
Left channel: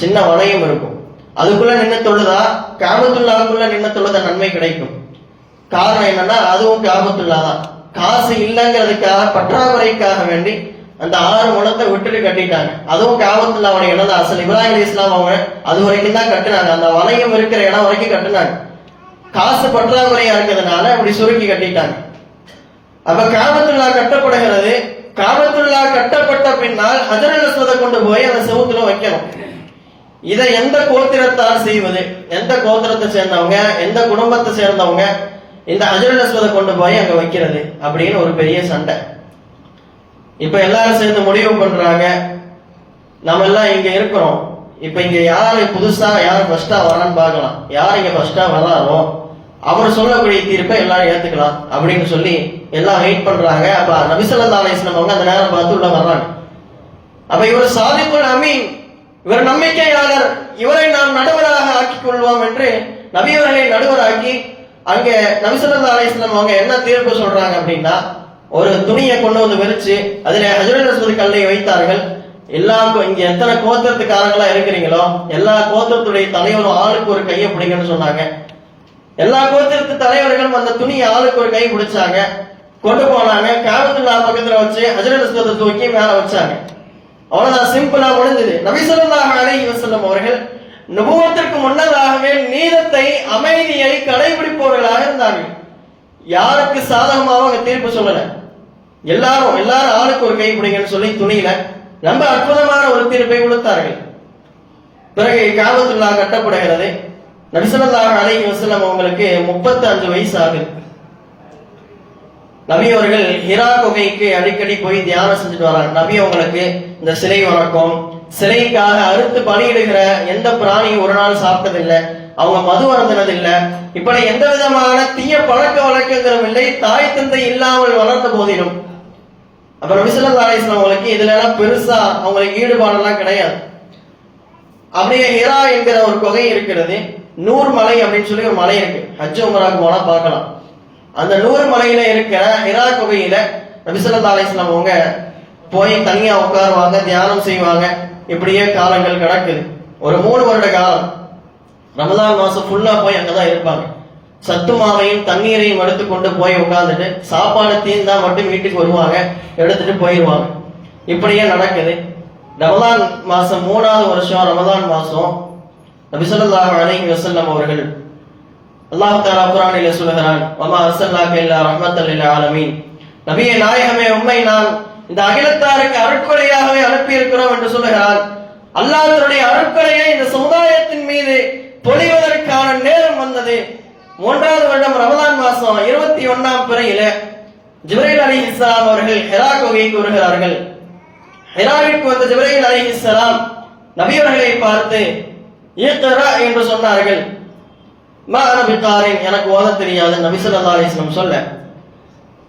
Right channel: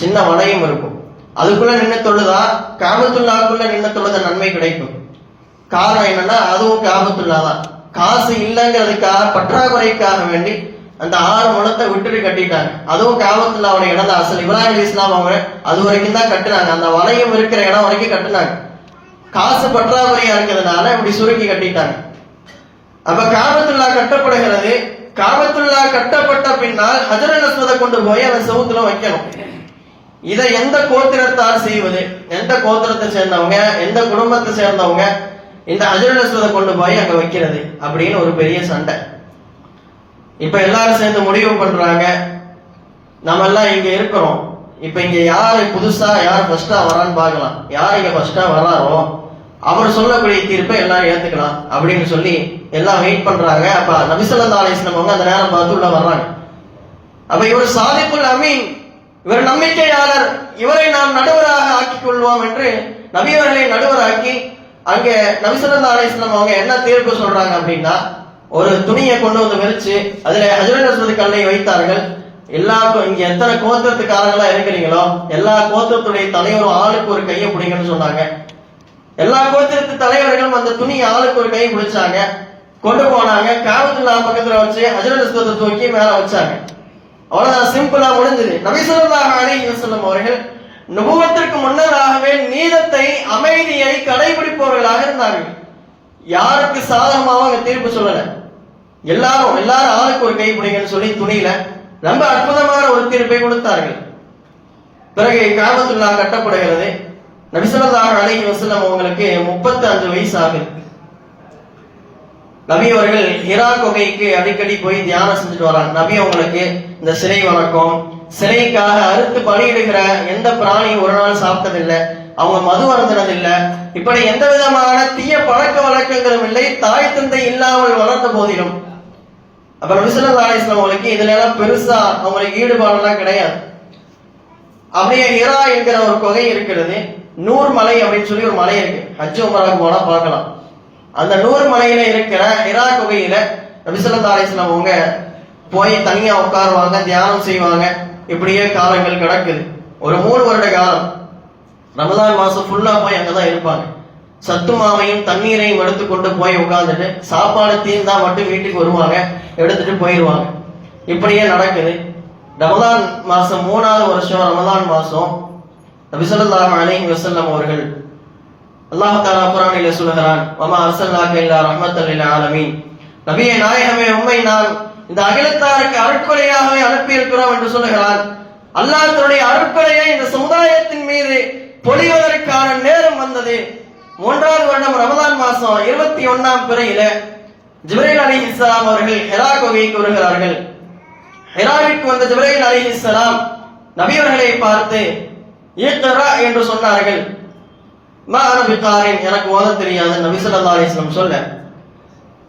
சின்ன வளையம் இருக்கும். அதுக்குள்ள நின்று தொழுதா காபத்துல்லாக்குள்ள நின்று தொழுத நன்மை கிடைக்கும். காரணம் என்னன்னா அதுவும் காபத்துல்லா தான். காசு இல்லைங்கிறதுக்காக பற்றாக்குறைக்காக வேண்டி அந்த 6 முழத்தை விட்டுட்டு கட்டிட்டாங்க. அதுவும் காபத்துல்லாவுடைய இடம் தான். அசல் இப்ராஹிம் அலைஹிஸ்ஸலாம் அவங்க அது வரைக்கும் தான் கட்டுனாங்க. அந்த வளையம் இருக்கிற இடம் வரைக்கும் கட்டுனாங்க. காசு பற்றாக்குறையா இருக்கிறதுனால இப்படி சுருக்கி கட்டிட்டாங்க. அப்ப காபத்துல்லா கட்டப்படுகிறது. காபத்துல்லா கட்டப்பட்ட பின்னால் ஹஜ்ருல் அஸ்வதை கொண்டு போய் அந்த செவுத்துல வைக்கணும். இதை எந்த கோத்திரத்தால் செய்வது, எந்த கோத்திரத்தை சேர்ந்தவங்க, எந்த குடும்பத்தை சேர்ந்தவங்க இந்த ஹஜ்ருல் அஸ்வதை கொண்டு போய் அங்க வைக்கிறது அப்படின்னு ஒரு பெரிய சண்டை. இப்ப எல்லாரும் சேர்ந்து முடிவு பண்றாங்க, நம்ம எல்லாம் இங்க இருக்கிறோம். இப்ப இங்க யாரு புதுசா யார் ஃபர்ஸ்டா வரான்னு பார்க்கலாம். யார் இங்க ஃபர்ஸ்டா வராரோ அவர் சொல்லக்கூடிய தீர்ப்பை எல்லாரும் ஏத்துக்கலாம் அப்படின்னு சொல்லி எல்லாம் வெயிட் பண்றாங்க. அப்ப நபி ஸல்லல்லாஹு அலைஹி வஸல்லம் அவங்க அந்த நேரம் பார்த்து உள்ள வர்றாங்க. அப்ப இவர் சாதிக்குல் அமீன், இவர் நம்பிக்கையாளர், இவரை நாம் நடுவராக ஆக்கிக் கொள்வோம் என்று நபி அவர்களை நடுவராக்கி அங்க நபி ஸல்லல்லாஹு அலைஹி வஸல்லம் அவங்க என்ன தீர்ப்பு சொல்றாங்க அப்படின்னா, ஒரு துணியை கொண்டு வந்து விரிச்சு அதுல ஹஜ்ருல் அஸ்வத் கல்லை வைத்தார்கள். எல்லாருக்கும் இங்க எத்தனை கோத்திரத்துக்காரங்களா இருக்கிறீங்களோ எல்லா கோத்திரத்துடைய தலைவரும் ஆளுக்கு ஒரு கையை பிடிங்கன்னு சொன்னாங்க. எல்லா கோத்திரத்து தலைவர்களும் அந்த துணியை ஆளுக்கு ஒரு கை பிடிச்சாங்க, கொண்டு போனாங்க. காபத்துல்லாஹ் பக்கத்துல வச்சு ஹஜ்ருல் அஸ்வத்தை தூக்கி மேல வச்சாங்க. அவ்வளவுதான், சிம்பிளா முடிஞ்சது. நபி ஸல்லல்லாஹு அலைஹி வஸல்லம் அவர்கள் நுபுவத்திற்கு முன்னதாகவே நீதத்தை அமைதியை கடைபிடிப்பவர்களாக இருந்தார்கள். யாருக்கு சாதகமாக அவங்க தீர்ப்பு சொல்லல. எல்லாரும் ஆளுக்கு ஒரு கை பிடிங்கன்னு சொல்லி துணியில ரொம்ப அற்புதமான ஒரு தீர்ப்பை கொடுத்தார்கள். பிறகு காபத்துல்லாஹ் கட்டப்படுகிறது. நபி ஸல்லல்லாஹு அலைஹி வஸல்லம் அவங்களுக்கு 35 வயசு ஆகுது. நபி அவர்கள் ஹிரா குகைக்கு அடிக்கடி போய் தியானம் செஞ்சுட்டு வராங்க. நபி அவங்களுக்கு இந்த சிலை வணக்கம், சிலைக்காக அறுத்து பலியிடுகிற எந்த பிராணியும் ஒரு நாள் சாப்பிட்டதில்லை, அவங்க மது அருந்தினதில்லை, இப்படி எந்த விதமான தீய பழக்க வழக்கங்களும் இல்லை, தாய் தந்தை இல்லாமல் வளர்த்த போதிலும். அப்ப நபி ஸல்லல்லாஹு அலைஹி வஸல்லம் அவங்களுக்கு இதுல எல்லாம் பெருசா அவங்களுக்கு ஈடுபாடு எல்லாம் கிடையாது. அப்படியே ஹிரா என்கிற ஒரு குகை இருக்கிறது. நூர் மலை அப்படின்னு சொல்லி ஒரு மலை இருக்கு, ஹஜ் உம்ராக்கு போனா பார்க்கலாம். அந்த நூர் மலையில இருக்கிற ஹிரா குகையில நபி ஸல்லல்லாஹு அலைஹி வஸல்லம் அவங்க போய் தனியா உட்காருவாங்க, தியானம் செய்வாங்க. இப்படியே காலங்கள் கிடக்குது. ஒரு 3 வருட காலம் ரமலான் மாசம் ஃபுல்லா போய் அங்கதான் இருப்பாங்க. சத்து மாவையும் தண்ணீரையும் எடுத்துக்கொண்டு போய் உட்கார்ந்துட்டு சாப்பாடு தீர்ந்தா மட்டும் வீட்டுக்கு வருவாங்க, எடுத்துட்டு போயிடுவாங்க. இப்படியே நடக்குது. ரமலான் மாசம் 3வது வருஷம் ரமலான் மாசம் நபி ஸல்லல்லாஹு அலைஹி வஸல்லம் அவர்கள் அல்லாஹ் தஆலா குர்ஆனிலே சொல்கிறான், வமா அர்ஸல்னாக இல்லா ரஹ்மத்தல் லில் ஆலமீன், நபியே நாயகமே உம்மை நாம் இந்த அகிலத்தாருக்கு அருட்கொடையாகவே அனுப்பி இருக்கிறோம் என்று சொல்கிறான். அல்லாஹ் தன்னுடைய அருட்கொடையை இந்த சமுதாயத்தின் மீது பொழிவதற்கான நேரம் வந்தது. 3வது வருடம் ரமலான் மாசம் 21ஆம் பிறையில ஜிப்ரீல் அலைஹிஸ்ஸலாம் அவர்கள் ஹிரா குகைக்கு வருகிறார்கள். ஹிராவிற்கு வந்த ஜிப்ரீல் அலைஹிஸ்ஸலாம் நபி அவர்களை பார்த்து இக்ரா என்று சொன்னார்கள். மா அன பிகாரின், எனக்கு ஓத தெரியாது நபி ஸல்லல்லாஹு அலைஹி வஸல்லம் சொல்ல.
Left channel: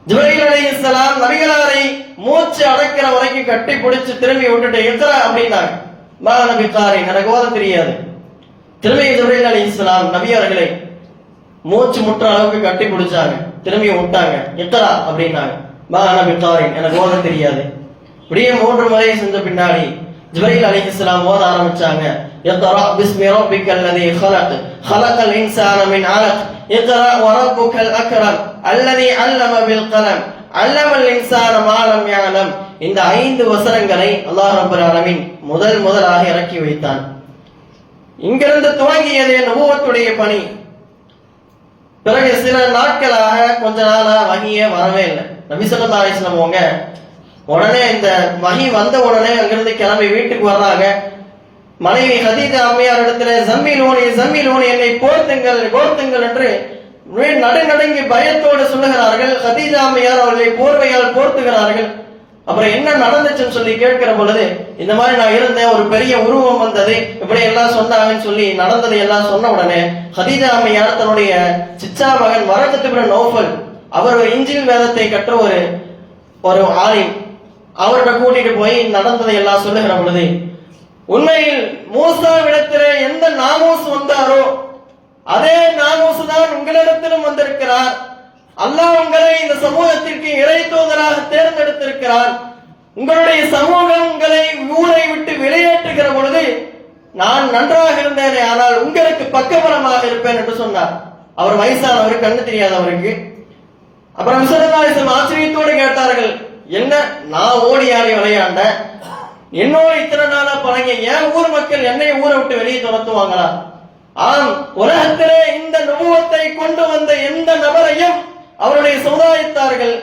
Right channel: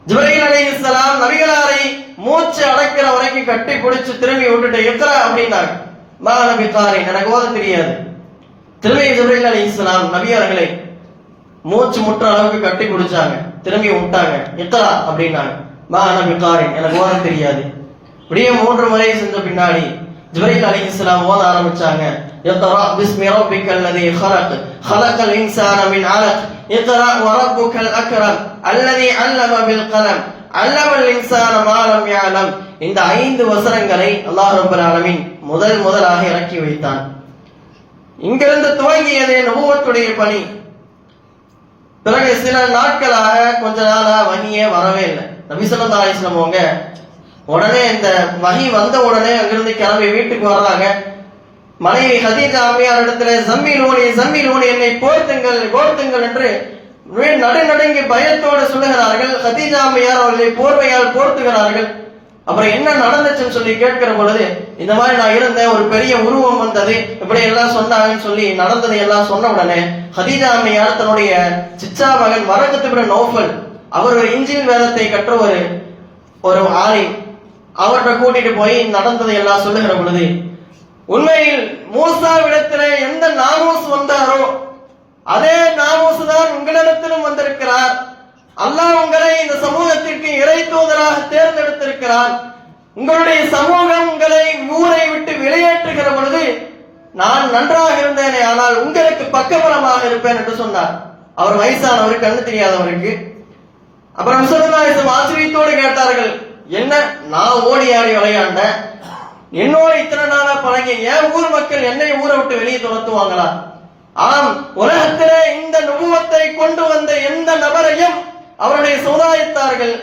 ஜிப்ரீல் அலைஹிஸ்ஸலாம் நபிகளாரை மூச்சு அடக்கிற வரைக்கும் கட்டி பிடிச்சு திரும்பி விட்டுட்டு இக்ரா அப்படின்னாங்க. மா அன பிகாரின், எனக்கு ஓத தெரியாது. திரும்பி ஜிப்ரீல் அலைஹிஸ்ஸலாம் நபி அவர்களை மூச்சு முற்ற அளவுக்கு கட்டி பிடிச்சாங்க, திரும்பி விட்டாங்க. இக்ரா அப்படின்னாங்க. மா அன பிகாரின், எனக்கு ஓத தெரியாது. இப்படியே 3 முறை செஞ்ச பின்னாடி ஜிப்ரீல் அலைஹிஸ்ஸலாம் ஓத ஆரம்பிச்சாங்க. இக்ரா பிஸ்மி ரப்பிக்கல் லதீ خلق خلق الانسان من علق اقرأ وربك الأكرم الذي علم بالقلم علم الانسان ما لم يعلم. இந்த 5 வசனங்களை அல்லாஹ் ரப்பல் ஆலமீன் முதலாக இறக்கி வைத்தான். இங்கிருந்து துவங்கியதே நபுவத்துடைய பணி. பிறகு சில நாட்களாக கொஞ்ச நாளா வஹியே வரவே இல்லை. நபி ஸல்லல்லாஹு அலைஹி வஸல்லம் அவங்க உடனே இந்த வஹி வந்த உடனே அங்கிருந்து கிளம்பி வீட்டுக்கு வர்றாங்க. மனைவி ஹதீஜா அம்மையார் இடத்துல ஜம்மீலூனி என்னை போர்த்துங்கள் என்று நடுநடுங்கி பயத்தோடு சொல்லுகிறார்கள். ஹதீஜா அம்மையார் அவர்களை போர்வையால் போர்த்துகிறார்கள். அப்புறம் என்ன நடந்துச்சுன்னு சொல்லி கேட்கிற பொழுது, இந்த மாதிரி நான் இருந்தேன், ஒரு பெரிய உருவம் வந்தது, இப்படி எல்லாம் சொன்னாங்கன்னு சொல்லி நடந்ததை எல்லாம் சொன்ன உடனே ஹதீஜா அம்மையார் தன்னுடைய சிச்சா மகன் வரகத் இப்னு நௌஃபல், அவர் ஒரு இன்ஜில் வேதத்தை கற்ற ஒரு ஆலிம், அவர்கிட்ட கூட்டிட்டு போய் நடந்ததை எல்லாம் சொல்லுகிற பொழுது, உண்மையில் மூசாவிடத்துல எந்த நாமூஸ் வந்தாரோ அதே நாமூஸ் தான் உங்களிடத்திலும் வந்திருக்கிறார். அல்லாஹ் உங்களை இந்த சமூகத்திற்கு இறை தூதராக தேர்ந்தெடுத்திருக்கிறார். உங்களுடைய சமூகம் உங்களை ஊரை விட்டு வெளியேற்றுகிற பொழுது நான் நன்றாக இருந்தேனே, ஆனால் உங்களுக்கு பக்கபலமாக இருப்பேன் என்று சொன்னார். அவர் வயசானவர், கண்ணு தெரியாதவருக்கு. அப்புறம் ஸல்லல்லாஹு ஆச்சரியத்தோடு கேட்டார்கள், என்ன நான் ஓடி ஆடி விளையாண்ட, என்னோட இத்தனை நாளா பழகி என் ஊர் மக்கள் என்னை ஊரை விட்டு வெளியே துரத்துவாங்களா? ஆம், உலகத்திலே இந்த நுபுவத்தை கொண்டு வந்த எந்த நபரையும் அவருடைய சமுதாயத்தார்கள்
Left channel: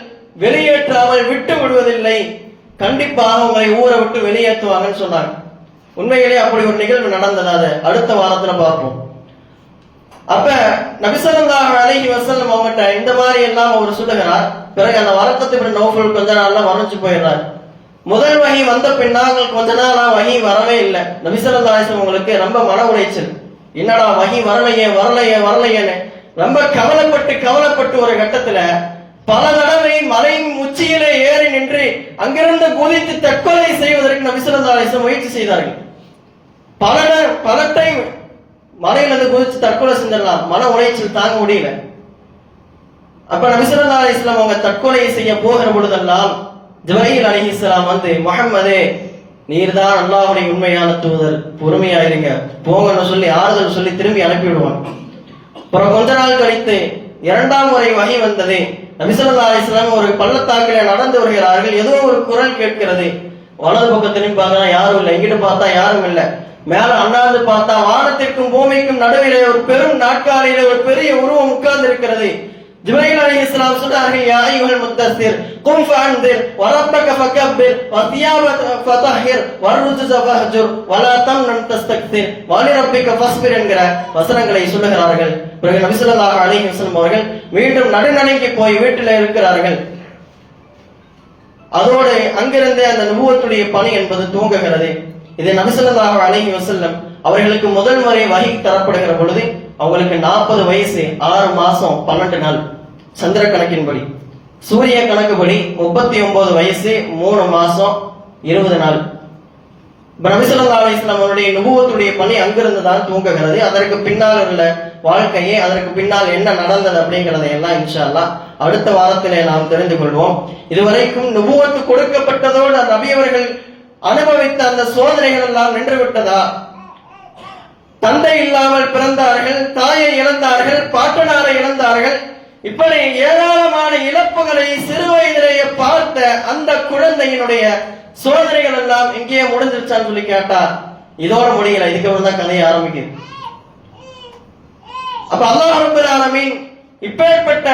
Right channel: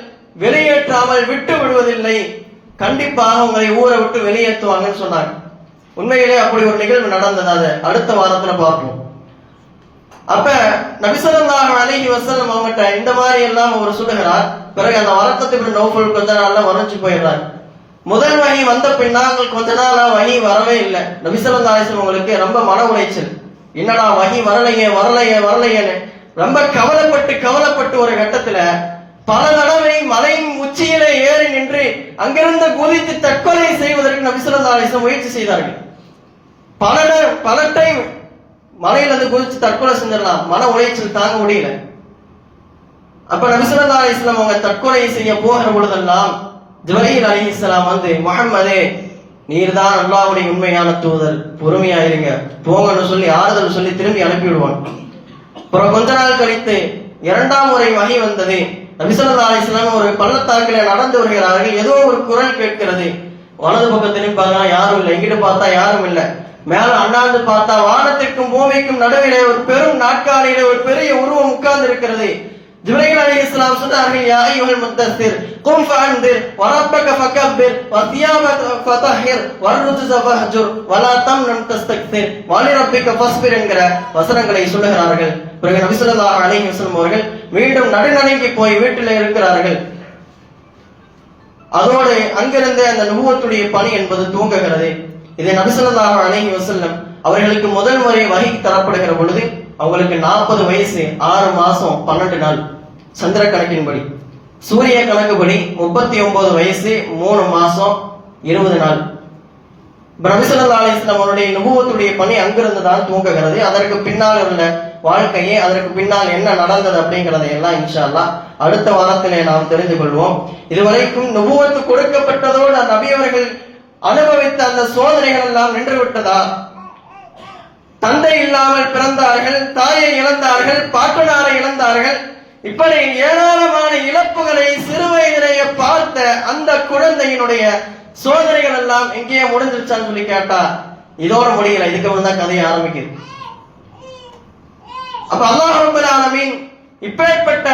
வெளியேற்றாமல் விட்டு விடுவதில்லை, கண்டிப்பாக உங்களை ஊரை விட்டு வெளியேற்றுவாங்கன்னு சொன்னாங்க. உண்மையிலே அப்படி ஒரு நிகழ்வு நடந்தது. அதை அடுத்த வாரத்துல பார்ப்போம். அப்ப நபி ஸல்லல்லாஹு அலைஹி வஸல்லம் அவங்ககிட்ட இந்த மாதிரி எல்லாம் அவர் சொல்லுகிறார். பிறகு அந்த வரக்கத் இப்னு நௌஃபல் கொஞ்ச நாள்ல மறைஞ்சு போயிடுறார். முதல் வகை வந்த பின்னால் கொஞ்ச நாளா வகை வரவே இல்லை. நபி ஸல்லல்லாஹு அலைஹி வஸல்லம் உங்களுக்கு ரொம்ப மன உளைச்சல். என்னடா வகை வரலையேன்னு ரொம்ப கவலைப்பட்டு ஒரு கட்டத்துல பல தடவை மலையின் உச்சியிலே ஏறி நின்று அங்கிருந்து குதித்து தற்கொலை செய்வதற்கு நபி ஸல்லல்லாஹு அலைஹி வஸல்லம் முயற்சி செய்தார்கள். பல டைம் மலையிலிருந்து குதிச்சு தற்கொலை செஞ்சிடலாம், மன உளைச்சல் தாங்க முடியல. அப்ப நபி ஸல்லல்லாஹு அலைஹி வஸல்லம் அவங்க தற்கொலை செய்ய போகிற பொழுதெல்லாம் ஜிப்ரீல் அலைஹிஸ்ஸலாம் வந்து, முஹம்மதே நீர்தான் அல்லாஹ்வுடைய உண்மையான தூதர், பொறுமையாயிருங்க போங்கன்னு சொல்லி ஆறுதல் சொல்லி திரும்பி அனுப்பி விடுவாங்க. அப்புறம் கொஞ்ச நாள் கழித்து இரண்டாம் முறை வகை வந்தது. நபி ஸல்லல்லாஹு அலைஹி வஸல்லம் ஒரு பள்ளத்தாக்கிலே நடந்து வருகிறார்கள். ஏதோ ஒரு குரல் கேட்கிறது. வலது பக்கத்திலும் பார்த்தா யாரும் இல்லை, எங்கிட்ட பார்த்தா யாரும் இல்லை. மேல அண்ணாந்து பார்த்தா வானத்திற்கும் பூமிக்கும் நடுவிலே ஒரு பெரும் நாட்காலியிலே ஒரு பெரிய உருவம் உட்கார்ந்து இருக்கிறது. ஜிப்ரீல் அலைஹிஸ்ஸலாம் சொன்னார்கள், யா அய்யுஹல் முத்தஸ்ஸிர் கும் ஃபஅன்திர் வரப்பக ஃபகப்பிர் வஸியாபக ஃபதஹிர் வர்ருஜஸ ஃபஹஜுர் வலா தம்னன் தஸ்தக்பிர் வலிரப்பிக ஃபஸ்பிர் என்கிற வசனங்களை சொல்லுகிறார்கள். பிறகு நபி ஸல்லல்லாஹு அலைஹி வஸல்லம் அவர்கள் மீண்டும் நடுநடுங்கி போய் வீட்டில் இருக்கிறார்கள். அதோடு அங்கிருந்து அந்த நுபுவத்துடைய பணி என்பது துவங்குகிறது. இது நபி ஸல்லல்லாஹு அலைஹி வஸல்லம் அவர்களுக்கு முதல் முறை வஹி தரப்படுகிற பொழுது அவங்களுக்கு 40 வயசு 6 மாசம் 12 நாள் சந்திர கணக்கின்படி. சூரிய கணக்குப்படி 39 வயசு 3 மாசம் 20 நாள். நபி ஸல்லல்லாஹு அலைஹி வஸல்லம் அவருடைய நுபுவத்துடைய பணி அங்கிருந்து தான் துவங்குகிறது. அதற்கு பின்னால் உள்ள வாழ்க்கையே, அதற்கு பின்னால் என்ன நடந்தது அப்படிங்கறதை எல்லாம் இன்ஷா அல்லாஹ் அடுத்த வாரத்திலே நாம் தெரிந்து கொள்வோம். இதுவரைக்கும் நுபுவத்து கொடுக்கப்பட்டதோடு நபி அவர்கள் அனுபவித்த அந்த சோதனைகள் எல்லாம் நின்று விட்டதா? தந்தை இல்லாமல் பிறந்தார்கள், தாயை இழந்தார்கள், பாட்டனாரை இழந்தார்கள். இப்படி ஏராளமான இழப்புகளை சிறு வயதிலேயே பார்த்த அந்த குழந்தையினுடைய சோதனைகள் எல்லாம் எங்கேயே முடிஞ்சிருச்சான்னு சொல்லி கேட்டா இதோட முடியல, இதுக்கு தான் கதையை ஆரம்பிக்குது. அப்ப அல்லாஹ் ரப்பல் ஆலமீன் இப்பேற்பட்ட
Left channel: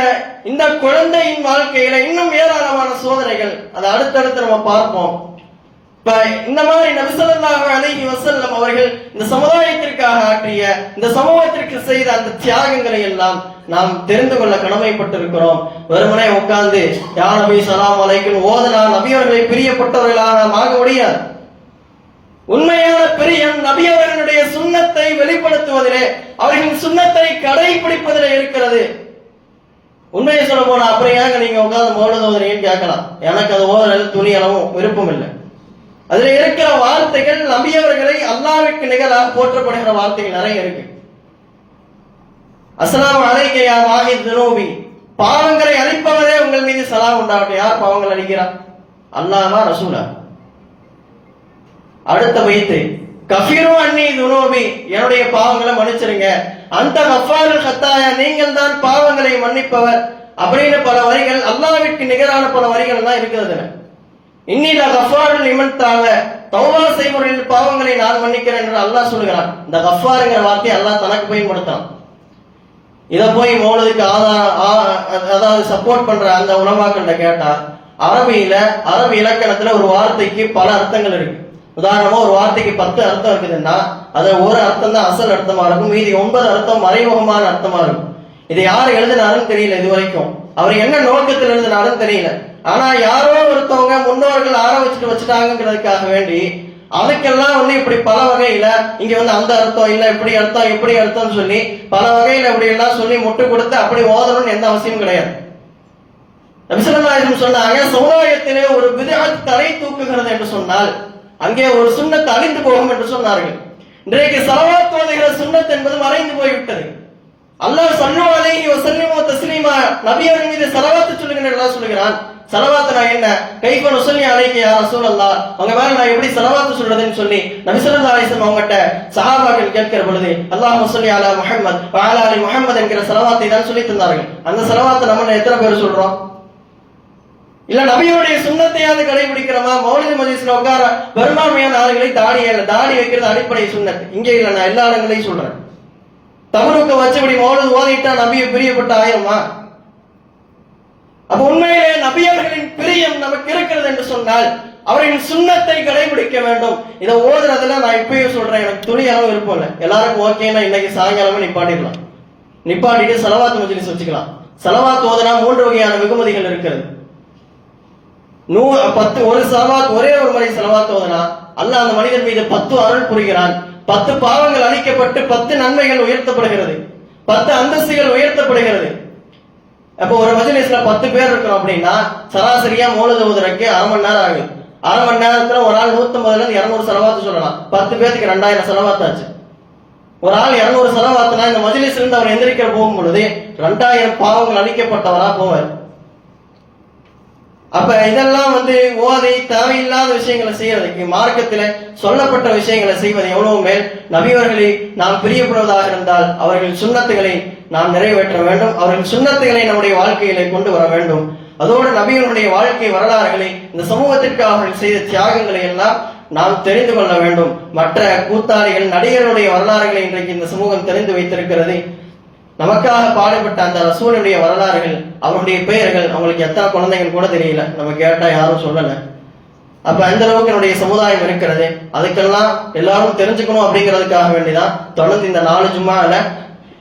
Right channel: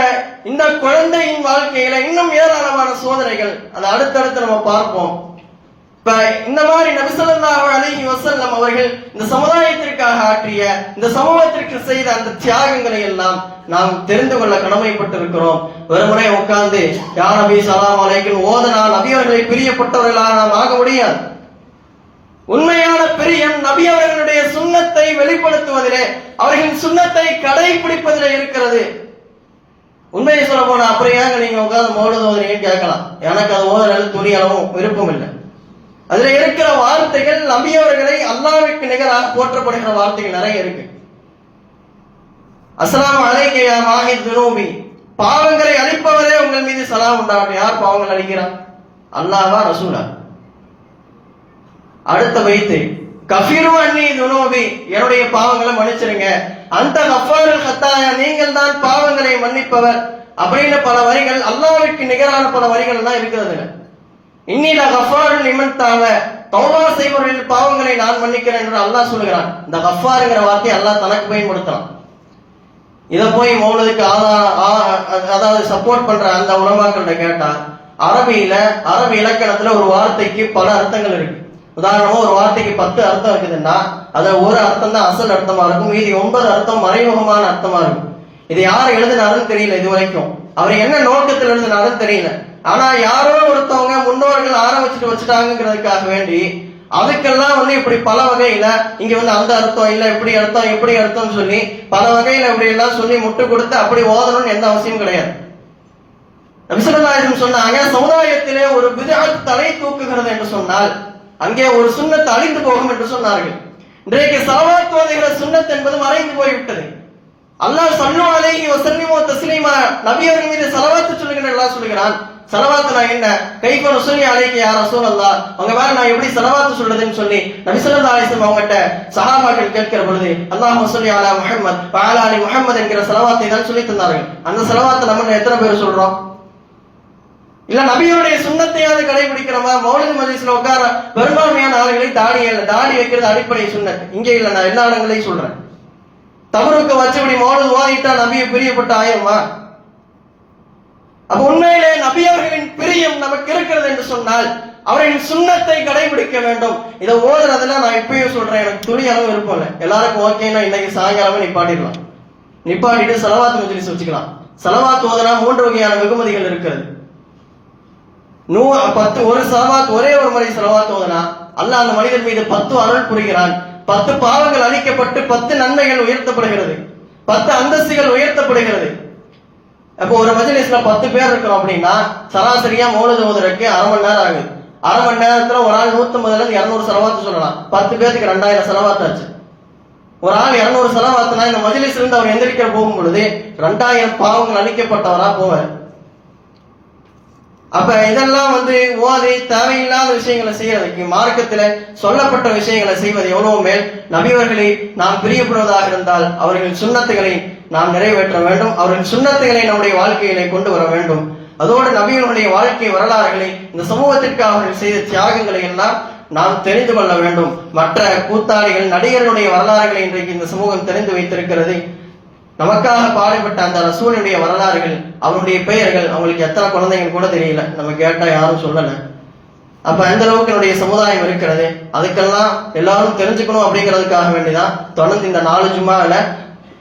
இந்த குழந்தையின் வாழ்க்கையில இன்னும் ஏராளமான சோதனைகள், அதை அடுத்தடுத்து நம்ம பார்ப்போம். இப்ப இந்த மாதிரி நபி ஸல்லல்லாஹு அலைஹி வஸல்லம் அவர்கள் இந்த சமுதாயத்திற்காக ஆற்றிய, இந்த சமூகத்திற்கு செய்த அந்த தியாகங்களை எல்லாம் நாம் தெரிந்து கொள்ள கடமைப்பட்டிருக்கிறோம். வெறுமனே உட்கார்ந்து யா நபி ஸல்லல்லாஹு அலைஹி ஓதனா நபி அவர்களை பிரியப்பட்டவர்களாக நாம் ஆக முடியாது. உண்மையான பிரியம் நபி அவர்களுடைய சுன்னத்தை வெளிப்படுத்துவதிலே, அவர்களின் சுன்னத்தை கடைபிடிப்பதிலே இருக்கிறது. உண்மையை சொல்ல போனா அப்புறம் ஏங்க நீங்க உட்கார்ந்து மௌலித் ஓதுறீங்கன்னு கேட்கலாம். எனக்கு அது ஓதுறது துணி அளவும் விருப்பம் இல்லை. அதுல இருக்கிற வார்த்தைகள் நபி அவர்களை அல்லாஹ்விற்கு நிகராக போற்றப்படுகிற வார்த்தைகள் நிறைய இருக்கு. அஸ்ஸலாமு அலைக்க யா மாஹித் துனூபி, பாவங்களை அழிப்பவரே உங்கள் மீது சலாம் உண்டாகட்டும். யார் பாவங்கள் அழிக்கிறார்? அல்லாஹ்வா ரசூலா? அடுத்த வைத்து கஃபிரு அன்னி துனூபி, என்னுடைய பாவங்களை மன்னிச்சிருங்க. அந்த கஃபாருல் கத்தாயா, நீங்கள் தான் பாவங்களை மன்னிப்பவர் அப்படின்னு பல வரிகள், அல்லாஹ்விற்கு நிகரான பல வரிகள் எல்லாம் இருக்கிறது. இன்னில கஃபாருல் லிமன் தாவ, தௌபா செய்பவர்களின் பாவங்களை நான் மன்னிக்கிறேன் என்று அல்லாஹ் சொல்லுகிறான். இந்த கஃபாருங்கிற வார்த்தையை அல்லாஹ் தனக்கு பயன்படுத்தலாம். இதை போய் மௌலிதுக்கு அதாவது சப்போர்ட் பண்ற அந்த உலமாக்கள்கிட்ட கேட்டா, அரபி இலக்கணத்துல ஒரு வார்த்தைக்கு பல அர்த்தங்கள் இருக்கு. உதாரணமா ஒரு வார்த்தைக்கு 10 அர்த்தம் இருக்குதுன்னா அதுல ஒரு அர்த்தம் தான் அசல் அர்த்தமா இருக்கும், மீதி 9 அர்த்தம் மறைமுகமான அர்த்தமா இருக்கும். இதை யார் எழுதினாலும் தெரியல, இது வரைக்கும் அவர் என்ன நோக்கத்தில் எழுதினாலும் தெரியல. ஆனா யாரோ ஒருத்தவங்க முன்னோர்கள் ஆரம்பிச்சுட்டு வச்சுட்டாங்கிறதுக்காக வேண்டி அதுக்கெல்லாம் ஒண்ணு இப்படி பல வகையில இங்க அந்த அர்த்தம் இல்ல, இப்படி அர்த்தம் சொல்லி பல வகையில இப்படி எல்லாம் சொல்லி முட்டு கொடுத்து அப்படி ஓதணும்னு எந்த அவசியம் கிடையாது. நபி ஸல்லல்லாஹு அலைஹி வஸல்லம் சொன்னாங்க, சமுதாயத்திலே ஒரு பித்அத் தலை தூக்குகிறது என்று சொன்னால் அங்கே ஒரு சுன்னத் அழிந்து போகும் என்று சொன்னார்கள். இன்றைக்கு ஸலவாத் ஓதுகிற சுன்னத் என்பது மறைந்து போய்விட்டது. அல்லாஹ் ஸல்லல்லாஹு அலைஹி வஸல்லம் தஸ்லீமா, நபி அவர்கள் மீது ஸலவாத் சொல்லுகிற அல்லாஹ் சொல்லுகிறான். ஸலவாத்னா என்ன? கைஃப நுஸல்லி அலைக யா ரசூலல்லாஹ், அவங்க மேல நான் எப்படி ஸலவாத் சொல்றதுன்னு சொல்லி நபி ஸல்லல்லாஹு அலைஹி வஸல்லம் அவங்கட்ட சஹாபாக்கள் கேட்கிற பொழுது அல்லாஹும்ம ஸல்லி அலா முஹம்மத் வ அலா அலி முஹம்மத் என்கிற ஸலவாத்தை தான் சொல்லி தந்தார்கள். அந்த ஸலவாத்தை நம்ம எத்தனை பேர் சொல்றோம்? இல்ல நபியோடைய சுன்னத்தையாவது கடைபிடிக்கிறோமா? மௌலித் மஜ்லிஸ்ல உட்கார பெரும்பான்மையான ஆளுகளை தாடி வைக்கிறது அடிப்படை சுன்னத். இங்க இல்ல, நான் எல்லா இடங்களையும் சொல்றேன். தவறுக்கு வச்சபடி மௌலித் ஓதிட்டா நபியை பிரியப்பட்ட ஆயிருமா? அப்ப உண்மையிலே நபி அவர்களின் பிரியம் நமக்கு இருக்கிறது என்று சொன்னால் அவரின் சுன்னத்தை கடைபிடிக்க வேண்டும். இதை ஓதுறதுல நான் இப்பயும் சொல்றேன், எனக்கு துணி அளவு விருப்பம் இல்லை. எல்லாருக்கும் ஓகேன்னா இன்னைக்கு சாயங்காலமே நிப்பாட்டிடலாம். நிப்பாட்டிட்டு ஸலவாத் மஜ்லிஸ் வச்சுக்கலாம். ஸலவாத் ஓதுனா 3 வகையான வெகுமதிகள் இருக்கிறது. ஒரு சலவாத், ஒரே ஒரு முறை சலவாத் ஓதுனா அல்லாஹ் அந்த மனிதன் மீது 10 அருள் புரிகிறான். 10 பாவங்கள் அழிக்கப்பட்டு 10 நன்மைகள் உயர்த்தப்படுகிறது, 10 அந்தஸ்துகள் உயர்த்தப்படுகிறது. அப்போ ஒரு மஜ்லிஸ்ல 10 பேர் இருக்கிறோம் அப்படின்னா சராசரியா மௌலித் ஓதுறதுக்கு அரை மணி நேரம் ஆகுது. அரை மணி நேரத்துல ஒரு ஆள் 150 இருந்து 200 செலவாத்து சொல்லலாம். 10 பேருக்கு 2000 செலவாத்தாச்சு. ஒரு ஆள் 200 செலவாத்துனா இந்த மஜ்லிஸ்ல இருந்து அவர் எந்திரிக்க போகும் பொழுது 2000 பாவங்கள் அழிக்கப்பட்டவரா போவார். அப்ப இதெல்லாம் ஓதை தேவையில்லாத விஷயங்களை செய்யறதுக்கு, மார்க்கத்துல சொல்லப்பட்ட விஷயங்களை செய்வது எவ்வளவு மேல். நபியவர்களை நாம் பிரியப்படுவதாக இருந்தால் அவர்களின் சுன்னத்துகளை நாம் நிறைவேற்ற வேண்டும், அவர்களின் சுன்னத்துகளை நம்முடைய வாழ்க்கையிலே கொண்டு வர வேண்டும். அதோடு நபியவர்களுடைய வாழ்க்கை வரலாறுகளை, இந்த சமூகத்திற்கு அவர்கள் செய்த தியாகங்களை எல்லாம் நாம் தெரிந்து கொள்ள வேண்டும். மற்ற கூத்தாடிகள், நடிகர்களுடைய வரலாறுகளை இன்றைக்கு இந்த சமூகம் தெரிந்து வைத்திருக்கிறது. நமக்காக பாடுபட்ட அந்த ரசூலுடைய வரலாறுகள், அவருடைய பெயர்கள், அவங்களுக்கு எத்தனை குழந்தைகள் கூட தெரியல, நம்ம கேட்டா யாரும் சொல்லல. அப்ப அந்த அளவுக்கு என்னுடைய சமுதாயம் இருக்கிறது. அதுக்கெல்லாம் எல்லாரும் தெரிஞ்சுக்கணும் அப்படிங்கிறதுக்காக வேண்டிதான் தொடர்ந்து இந்த 4 ஜும்மால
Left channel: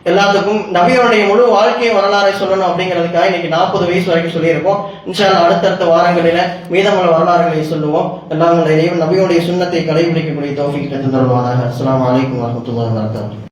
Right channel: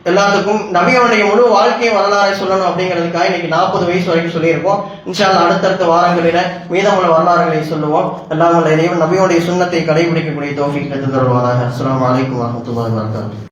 எல்லாத்துக்கும் நபியனுடைய முழு வாழ்க்கை வரலாறை சொல்லணும் அப்படிங்கிறதுக்காக இன்னைக்கு 40 வயசு வரைக்கும் சொல்லியிருக்கோம். இன்ஷா அல்லாஹ் அடுத்தடுத்த வாரங்களில மீதமுள்ள வரலாறுகளை சொல்லுவோம். எல்லாம் நபியுடைய சுன்னத்தை கடைபிடிக்கக்கூடிய தௌஃபீக் தருவானாக. அஸ்ஸலாமு அலைக்கும் வரஹ்மத்துல்லாஹி வபரகாத்துஹு.